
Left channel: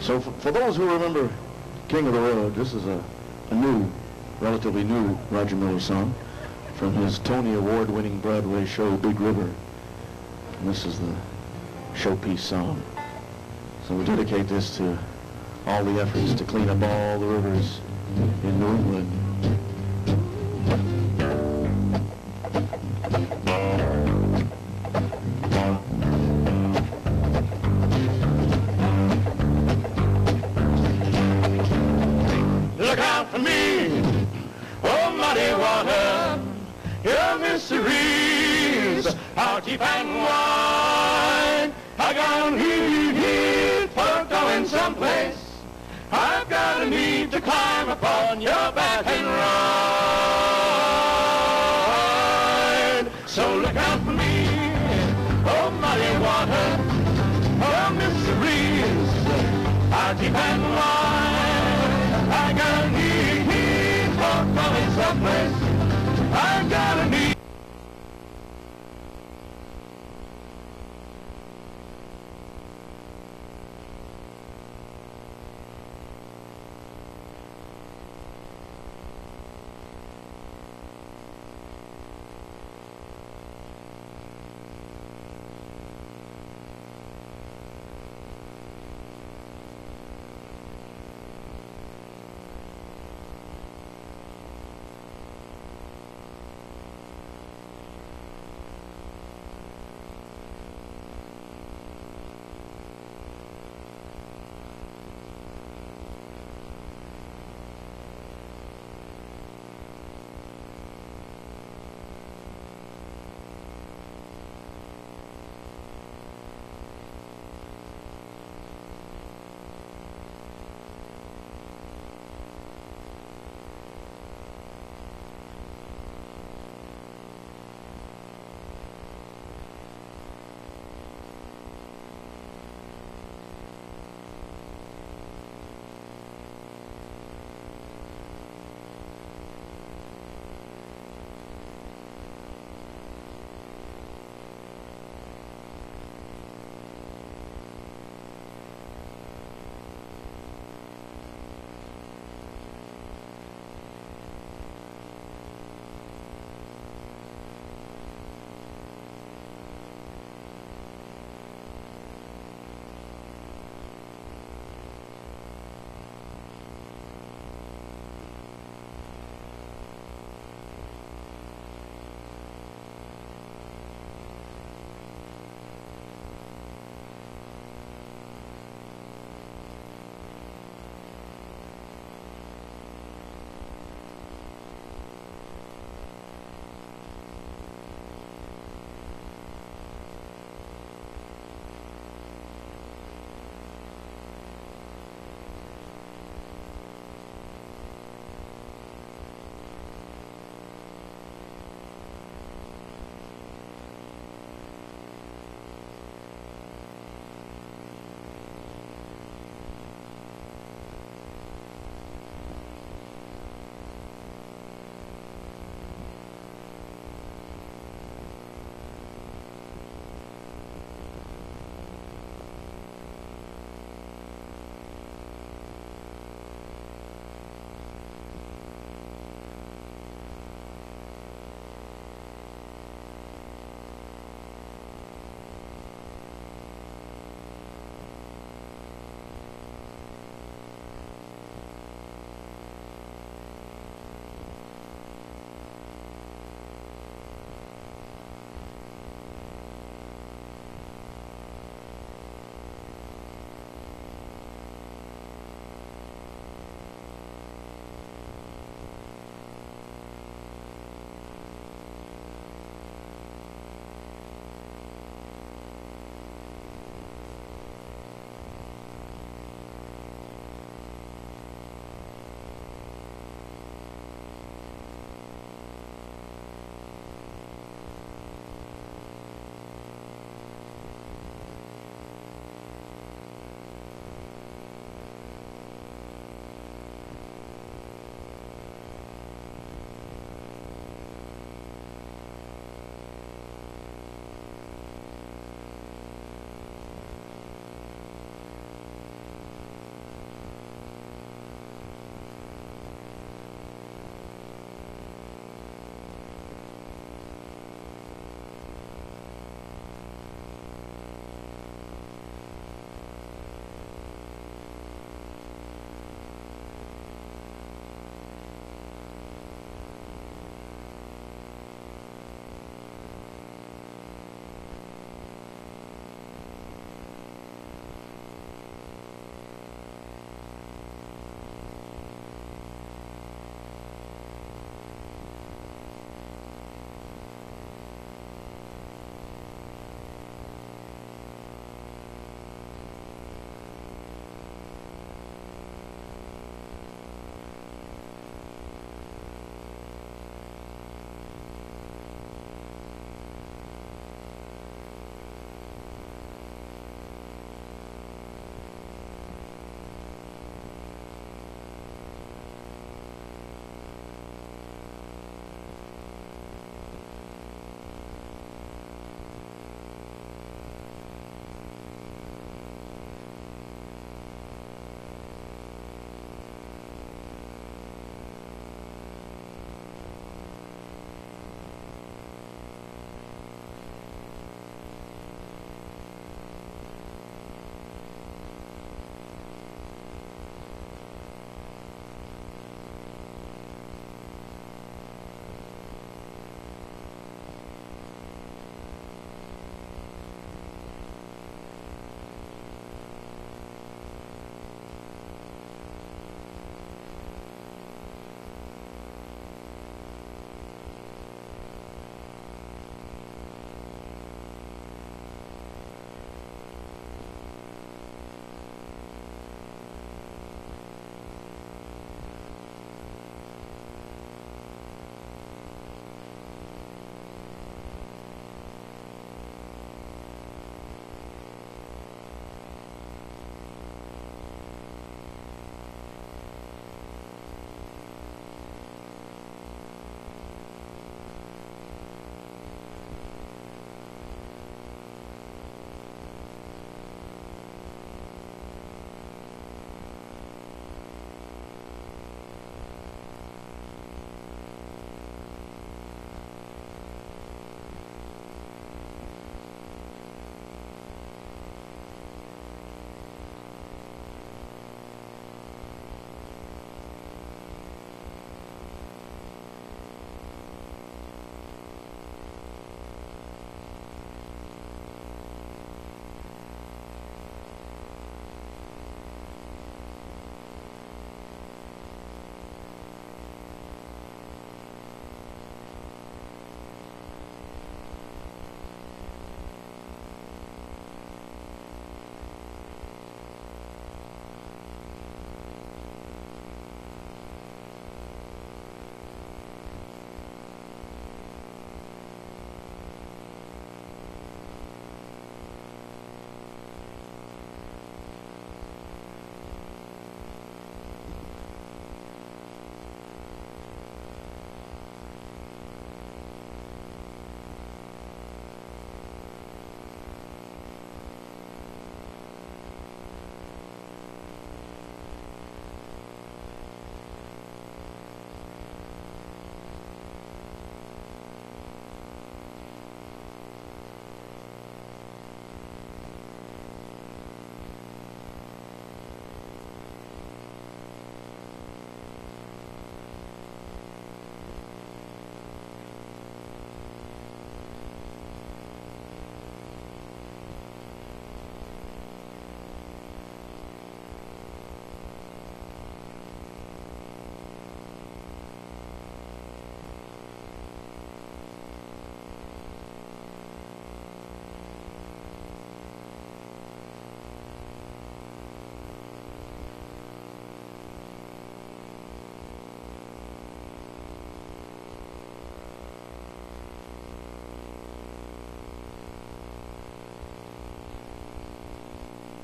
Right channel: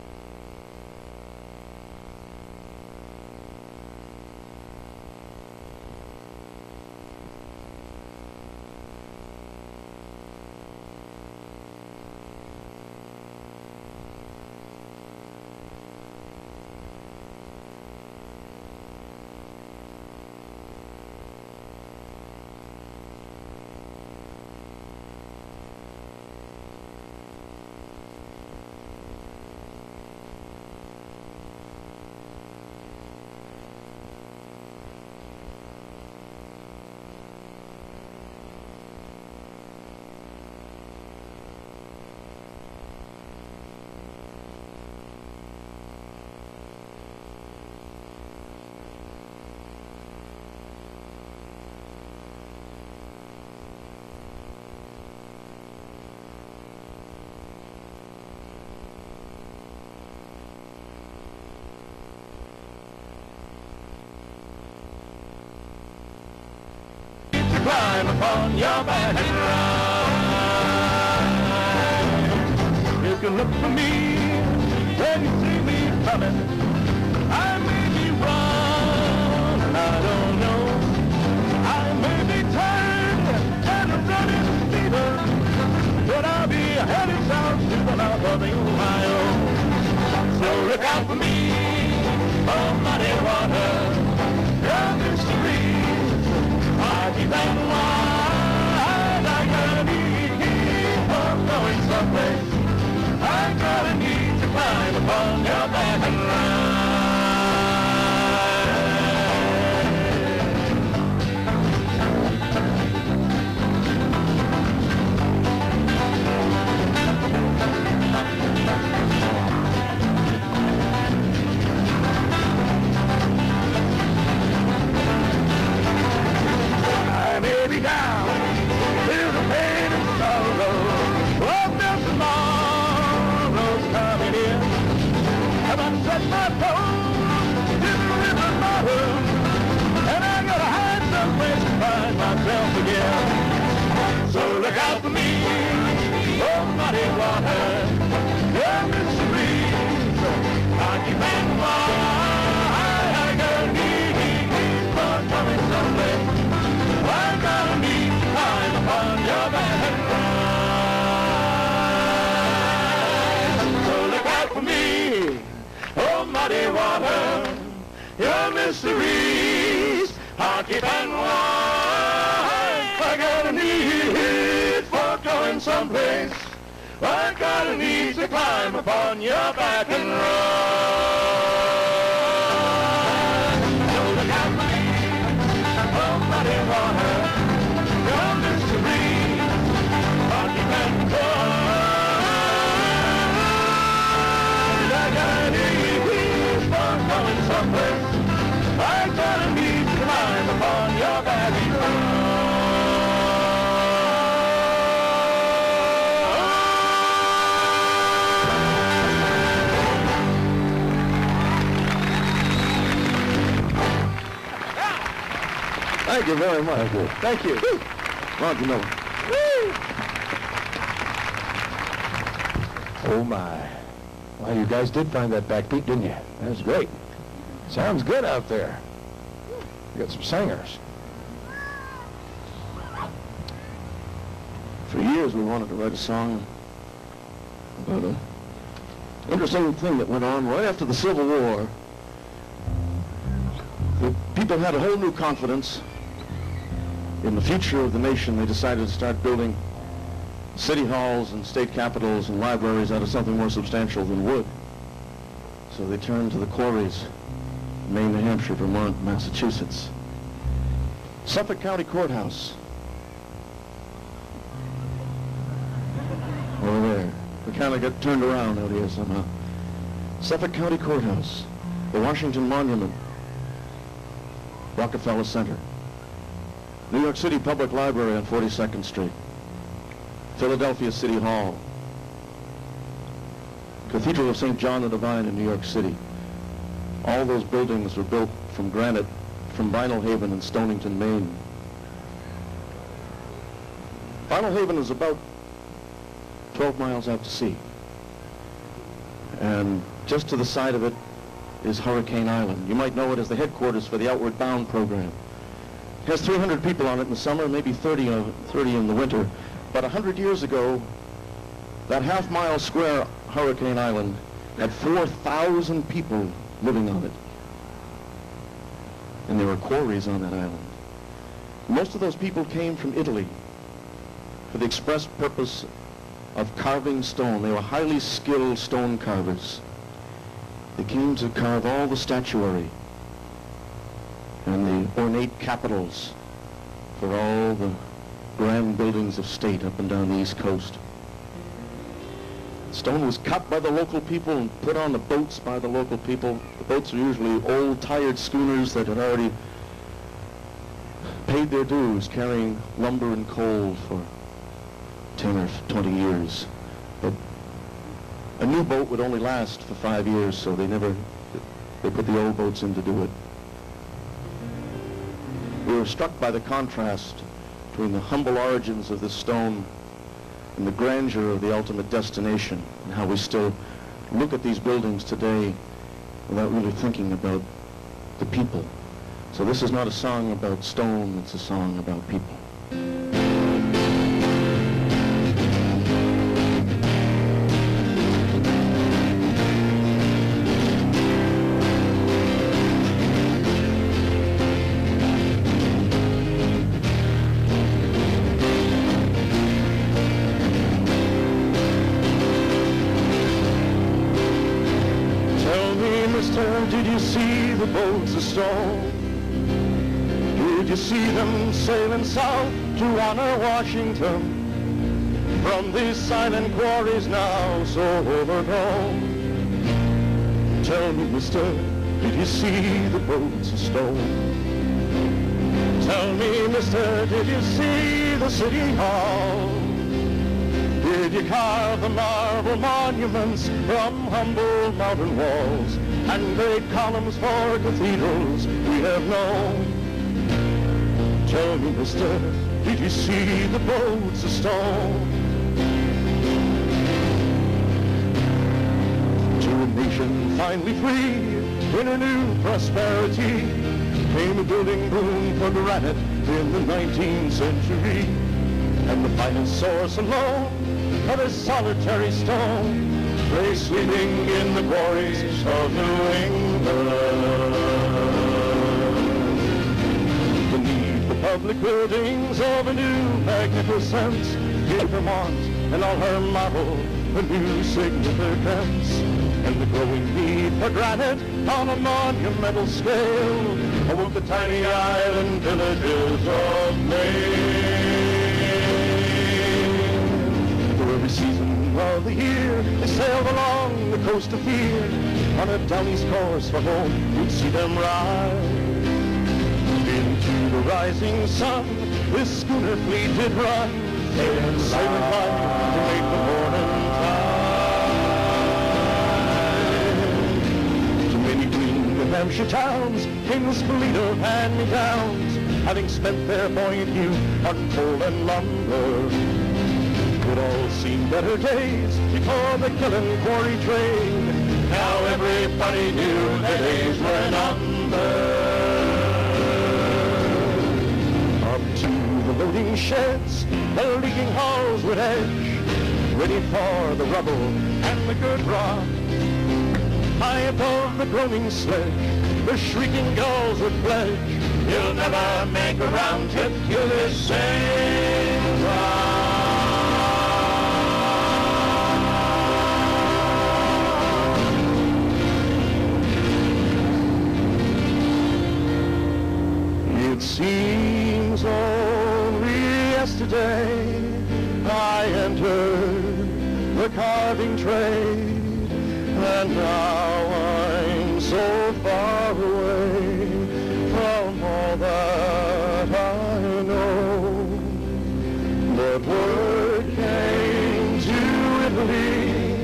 So, for those who remember King of the Road, this is a relatively new Roger Miller song from his Tony Award-winning Broadway show, Big River. And this is showpiece song. So we dedicate this to all the efforts to clean up all the rivers in New England. Look out for me, oh muddy water, your mysteries are deep and wide. I got a need for going someplace. I've got a need to climb upon your back and ride. So look out for me, oh muddy water, your mysteries are deep and wide. I got a need for going someplace. I got a need to climb upon your back and ride. You can look for me when you see me coming. I may be wrong, I don't know. I may be tired and running fever, but I'll be headed south to the mouth of the Ohio. So look out for me, oh muddy water, your mysteries are deep and wide. I got a need for going someplace. I got a need to climb upon your back and down, feel the pain and sorrow. Oh, there's tomorrow's coming in. Have I set my toes in the river bottom, and I gotta hide someplace to find myself again. So look out for me, oh muddy water, your mysteries are deep and wide. I got a need for coming someplace. I got a need to climb upon your back and ride. So look out for me, oh muddy water, your mysteries are deep and wide. I got a need for going someplace. I got a need to climb upon your back and ride. So look out for me, oh muddy water, your mysteries are deep and wide. I got a need for going someplace. I got a need to climb upon your back and ride. Thank you very much. Thank you. Ron, you know. Oh my. Well, you guys did find that backbeat, didn't you? That's great. Sounds good out there. You got some singers. For years we wanted to write a song. But interesting thing that went on right after the Civil War, the people had a whole new confidence in the future of the nation. They decided to start building city halls and state capitals and libraries out of something more substantial than wood. So they turned to the quarries, Maine, New Hampshire, Vermont, Massachusetts. Suffolk County Courthouse. Over there. We kind of got turned around out here somehow. Suffolk County Courthouse. The Washington Monument. Rockefeller Center. New York City Public Library on 42nd Street. Philadelphia City Hall. Cathedral of St. John the Divine in New York City. All those buildings were built from granite from Vinyl Haven in Stonington, Maine. Vinyl Haven is about 12 miles out to sea. And just to the side of it is Hurricane Island. You might know it as the headquarters for the Outward Bound program. It has 300 people on it in the summer, maybe 30 in the winter. But 100 years ago, That half-mile square Hurricane Island had 4,000 people living on it. And there were quarries on that island. Most of those people came from Italy for the express purpose of carving stone. They were highly skilled stone carvers. They came to carve all the statuary and the ornate capitals for all the grand buildings of state up and down the East Coast. Stone was cut by the local people and put on the boats by the local people. The boats are usually old, tired schooners that had already paid their dues, carrying lumber and coal for 10 or 20 years. But a new boat would only last for 5 years, so they put the old boats in to do it. We were struck by the contrast between the humble origins of this stone and the grandeur of the ultimate destination, and how we still look at these buildings today without really thinking about the people. So this is not a song about stone, it's a song about people. Did you see the boats of stone? Did you see them sailing south to honor Washington? From these silent quarries now so overgrown. Tell me, mister, did you see the boats of stone? Tell me, mister, did you see the city hall? Did you carve the marble monuments from humble mountain walls and great columns for cathedrals we have known? Tell me, mister, did you see the boats of stone? To a nation finally free in a new prosperity came a building boom for granite in the 19th century, and the finest source alone of a solitary stone lay sleeping in the quarries of New England. Beneath the public buildings of a new magnificence, in Vermont and all her marvel, a new significance. And the growing need for granite on a monumental scale awoke the tiny island villages of Maine. Every season of the year, they sailed along the coast of fear. On a down east course for home, you'd see them ride. Into the rising sun, this schooner fleet did run, sailing by to make the morning tide. To many green New Hampshire towns came this fleet of hand-me-downs, having spent their buoyant youth on coal and lumber. It all seemed better days before the killing quarry trade. Now everybody knew their days were numbered. Up to the loading sheds, the leaking hulls would edge, ready for the rubble and the good rock. High above the groaning sledge, the shrieking gulls would pledge, you'll never make a round trip to this same rock. It seems only yesterday I entered the carving trade, and now I'm so far away from all that I know. But word came to Italy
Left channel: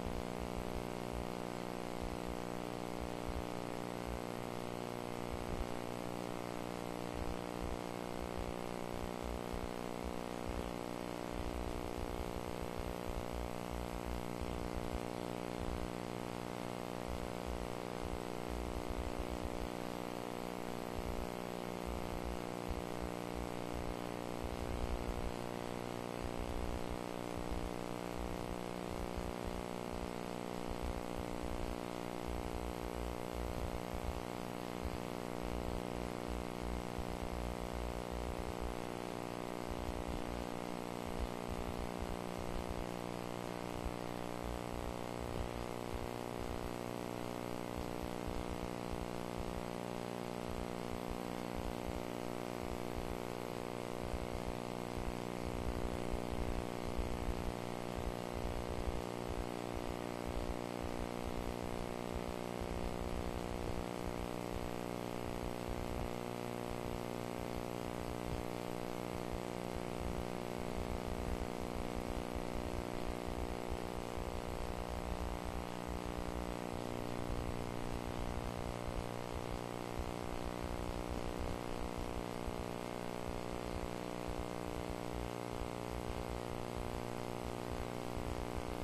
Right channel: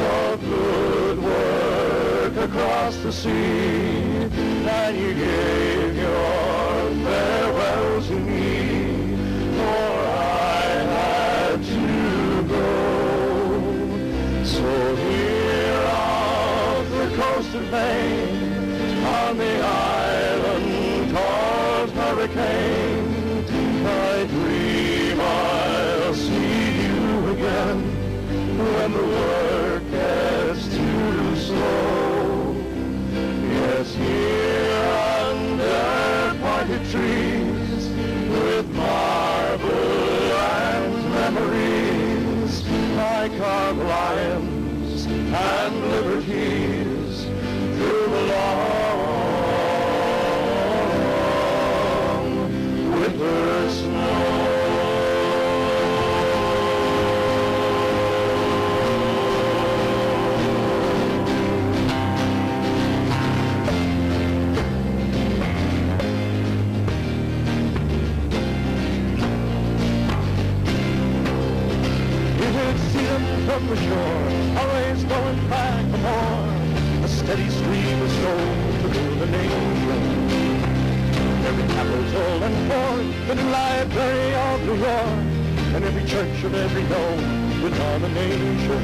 of good work across the sea, and you gave your farewell to me, for I had to go. So here off the coast of Maine, on the island called Hurricane, I dream I'll see you again carve lions and liberties through the long winter snow. From the shore, always going back for more. A steady stream of souls through the nation. Every capital and port, the new library of New York, and every church of every known denomination.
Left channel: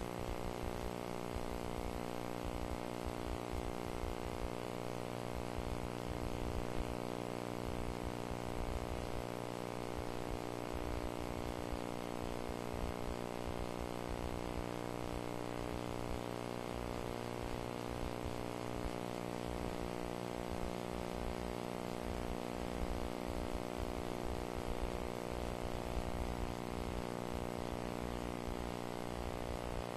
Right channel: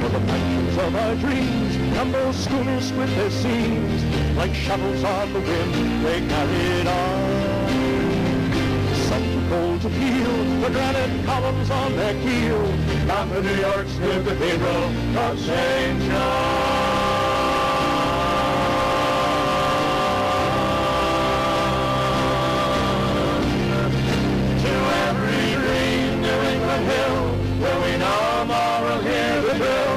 For the mansions of our dreams, tumble schooners with their seams, like shovels on the wind, they carried on. Some too cold to peel, the granite columns on their keel, down to New York's new cathedral of St. John. To every green New England hill, where we no more will hear the drill,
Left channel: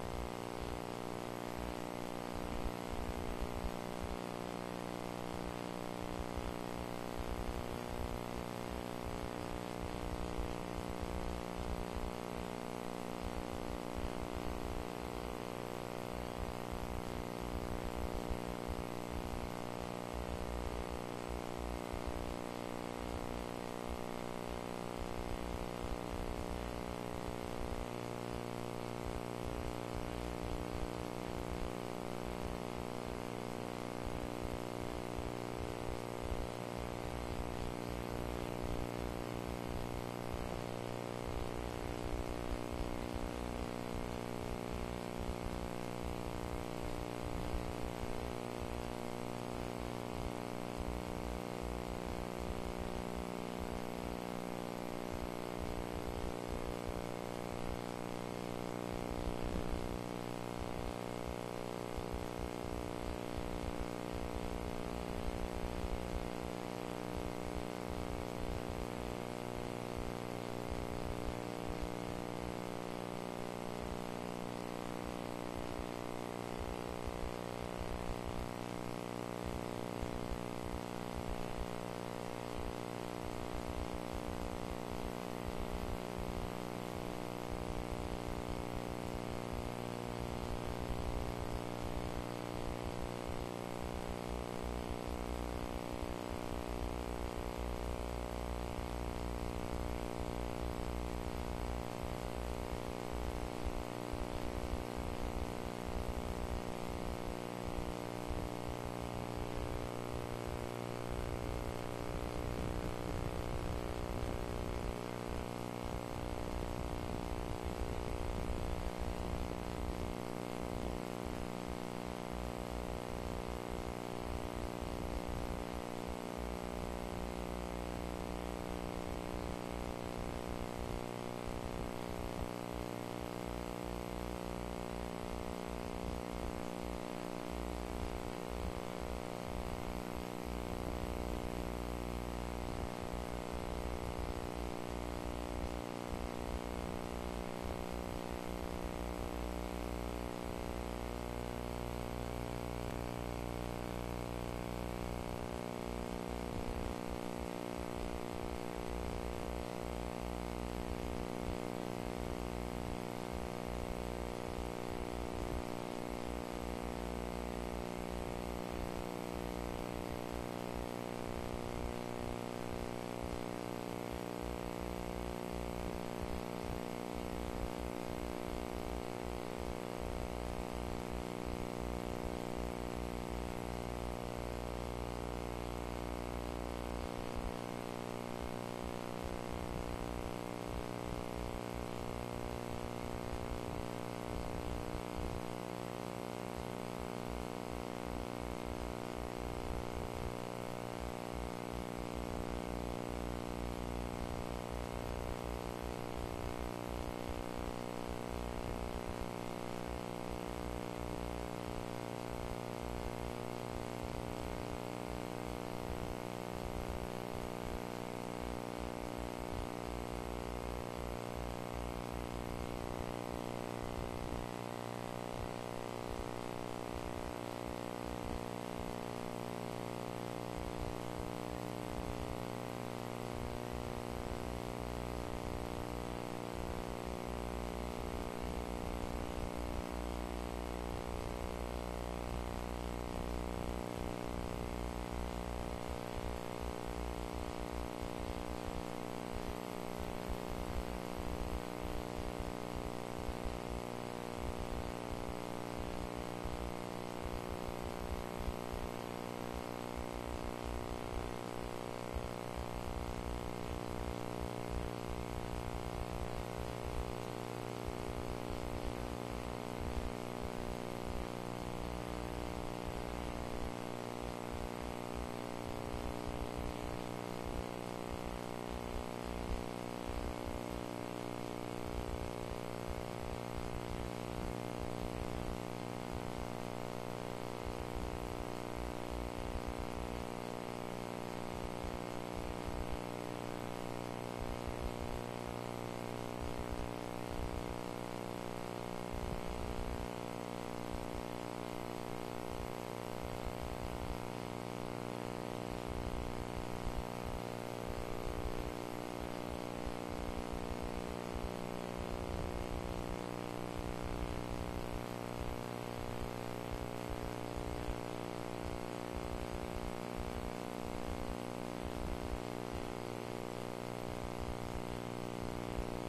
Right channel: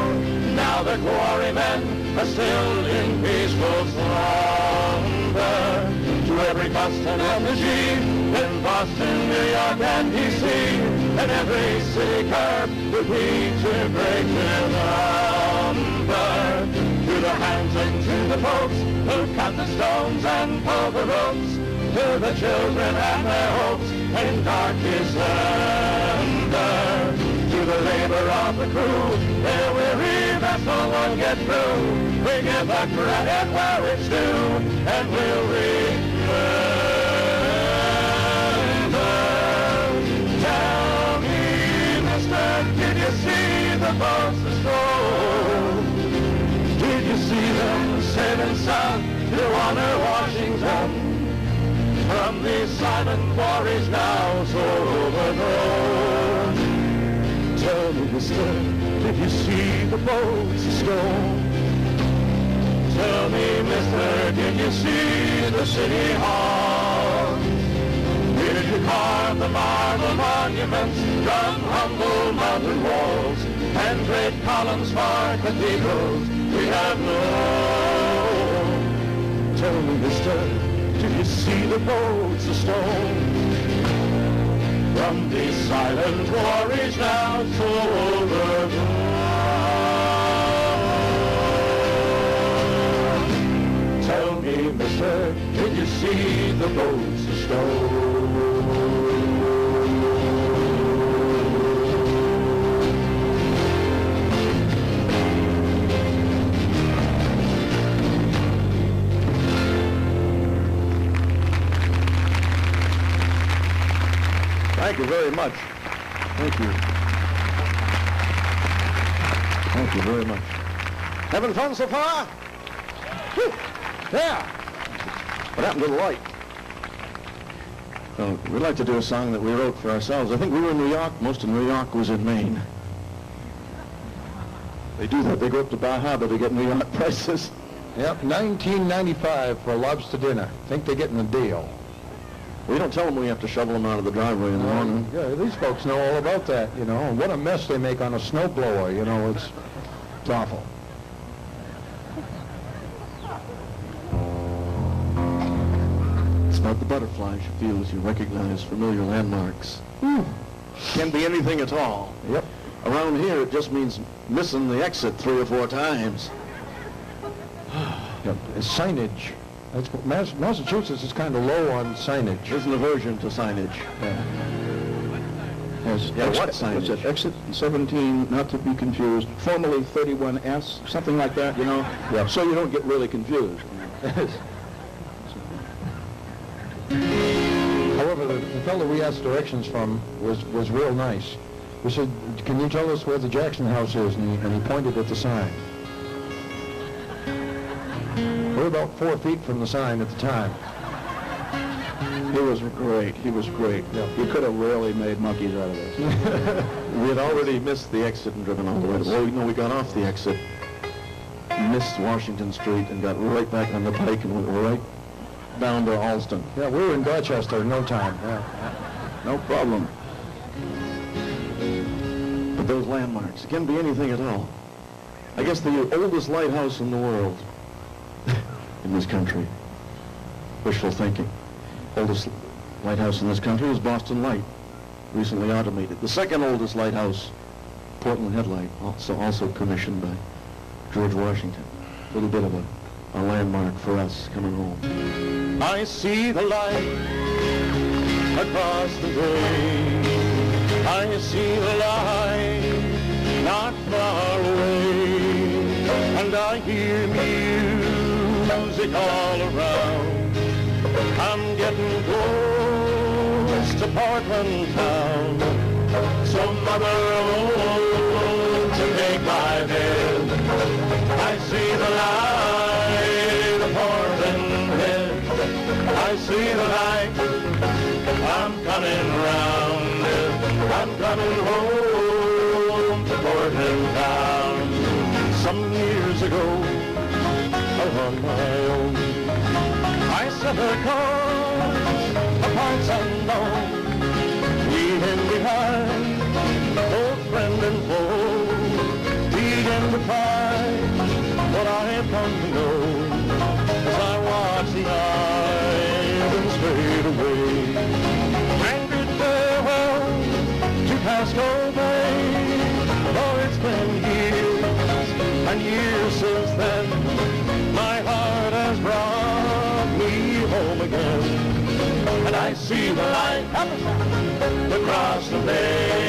now the quarrymen are still in peaceful slumber. To every Boston effigy, in Boston, New York, and D.C., and every city curb would be to break the number. To the hands and to the folks who cut the stones and pull the ropes, to the children and their hopes in dark December. To the labor of the crew, their weary vessel won't get through. We give the credit where it's due, and we'll remember. Did you see the boats astro? Did you see them sailing south to honor Washington? From these silent quarries now so overgrown. Tell me, mister, did you see the boats astro? Tell me, mister, did you see the city hall? Did you carve the marble monuments from humble mountain walls and great columns for cathedrals we have known? Tell me, mister, did you see the boats of stone from these silent quarries now so overgrown? Tell me, mister, did you see the boats of stone? Thank you very much. Thank you. Thank you very much. Having fun so far? Whew. Yeah. What happened to the light? Well, we'd like to do a song that we wrote for ourselves. I think we were in New York. Most of New York was in Maine. They do that. They go up to Bar Harbor to get New York prices. Yep, $19.95 for a lobster dinner. Think they're getting a deal. We don't tell them we have to shovel them out of the driveway in the morning. Yeah, these folks know all about that, you know. What a mess they make on a snowblower, you know. It's awful. It's about the butterflies you feel as you recognize familiar landmarks. Can be anything at all. Yep. Around here, it just means missing the exit 3 or 4 times. Yep. It's signage. Massachusetts is kind of low on signage. There's an aversion to signage. Yes. Yeah, what signage? What's it? Exit 17, not to be confused, formerly 31S, something like that, you know? Yeah. So you don't get really confused. However, the fellow we asked directions from was real nice. We said, can you tell us where the Jackson house is? And he pointed at the sign. We're about 4 feet from the sign at the time. He was great. He was great. Yeah. You could have really made monkeys out of this. We had already missed the exit and driven all the way. Well, no, we got off the exit, missed Washington Street, and got right back on the pike and went right down to Alston. Yeah, we were in Dorchester in no time. Yeah. No problem. at those landmarks. It can be anything at all. I guess the oldest lighthouse in the world, in this country. Wishful thinking. Oldest lighthouse in this country is Boston Light, recently automated. The second oldest lighthouse, Portland Headlight, also commissioned by George Washington. A little bit of a landmark for us coming home. I see the light across the bay. I see the light not far away. And I hear music all around. I'm getting close to Portland town. So mother, to make my bed, I see the light of Portland Head. I see the light. I'm coming round. I'm coming home to Portland town. Some years ago, on my own, I sent a call to parts unknown, leaving behind old friend and foe, began to find what I have come to know as I watch the islands fade away. And bid farewell to Pasco Bay, oh, it's been years and years since then. My heart has brought me home again, and I see the light across the bay.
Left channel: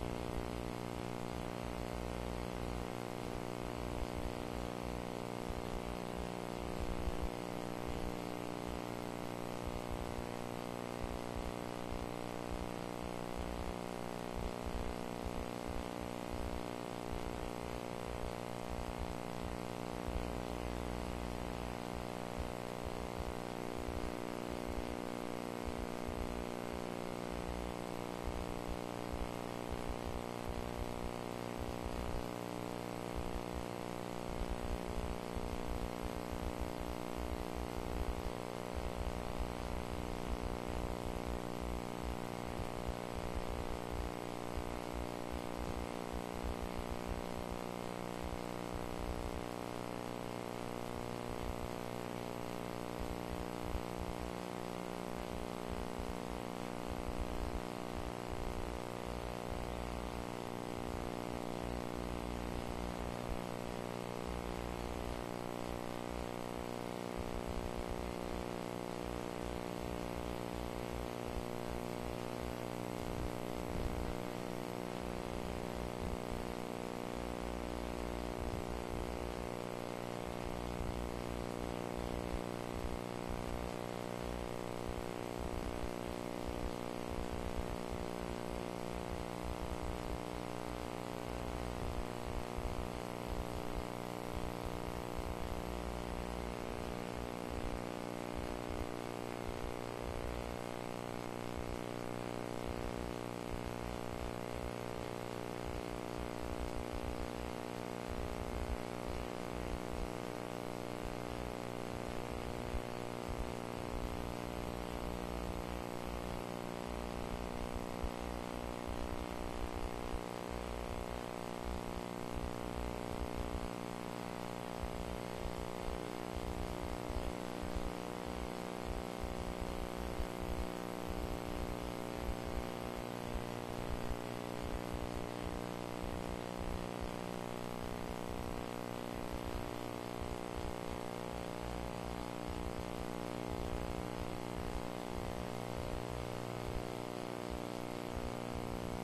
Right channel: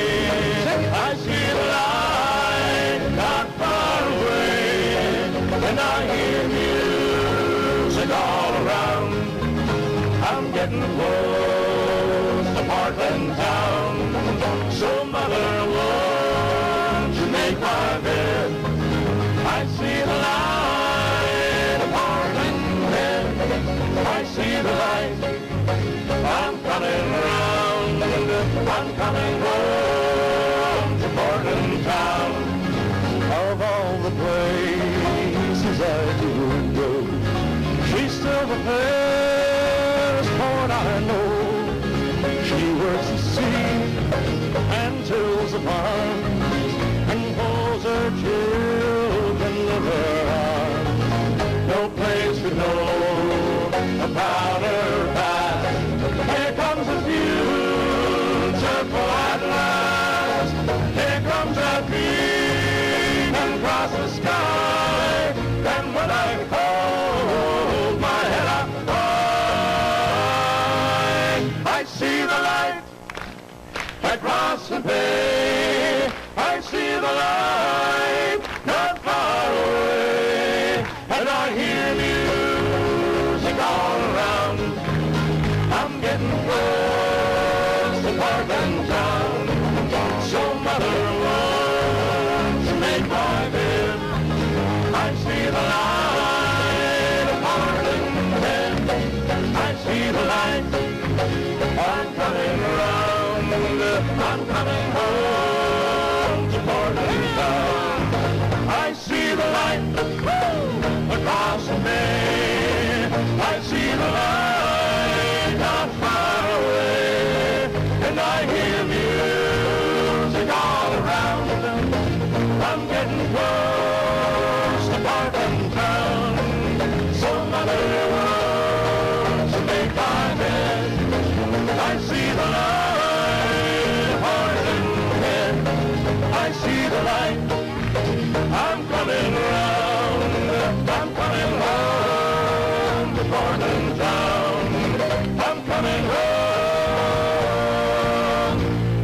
I see the light not far away, and I hear music all around. I'm getting close to Portland town. So mother, won't you make my bed? I see the light of Portland Head. I see the light. I'm coming round. I'm coming home to Portland town. Of all the places I do go, she's still the fairest port I know. She works the sea and tills the farms and holds her children in her arms. No place to know about her past. Here comes the beautiful at last. Here comes that beacon across the sky. And when I hold my head up high, I see the light across the bay. I see the light not far away, and I hear music all around. I'm getting close to Portland town. So mother, won't you make my bed? I see the light of Portland Head. I see the light. I'm coming around. I'm coming home to Portland town. I see the light across the bay. I see the light not far away, and I hear music all around. I'm getting close to Portland town. So mother, won't you make my bed? I see the light of Portland Head. I see the light. I'm coming round. I'm coming home to Portland town. I'm coming home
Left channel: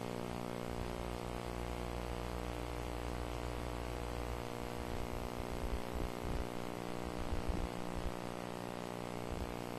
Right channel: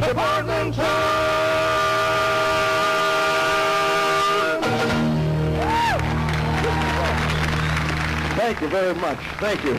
to Portland town. Thank you very much. Thank you.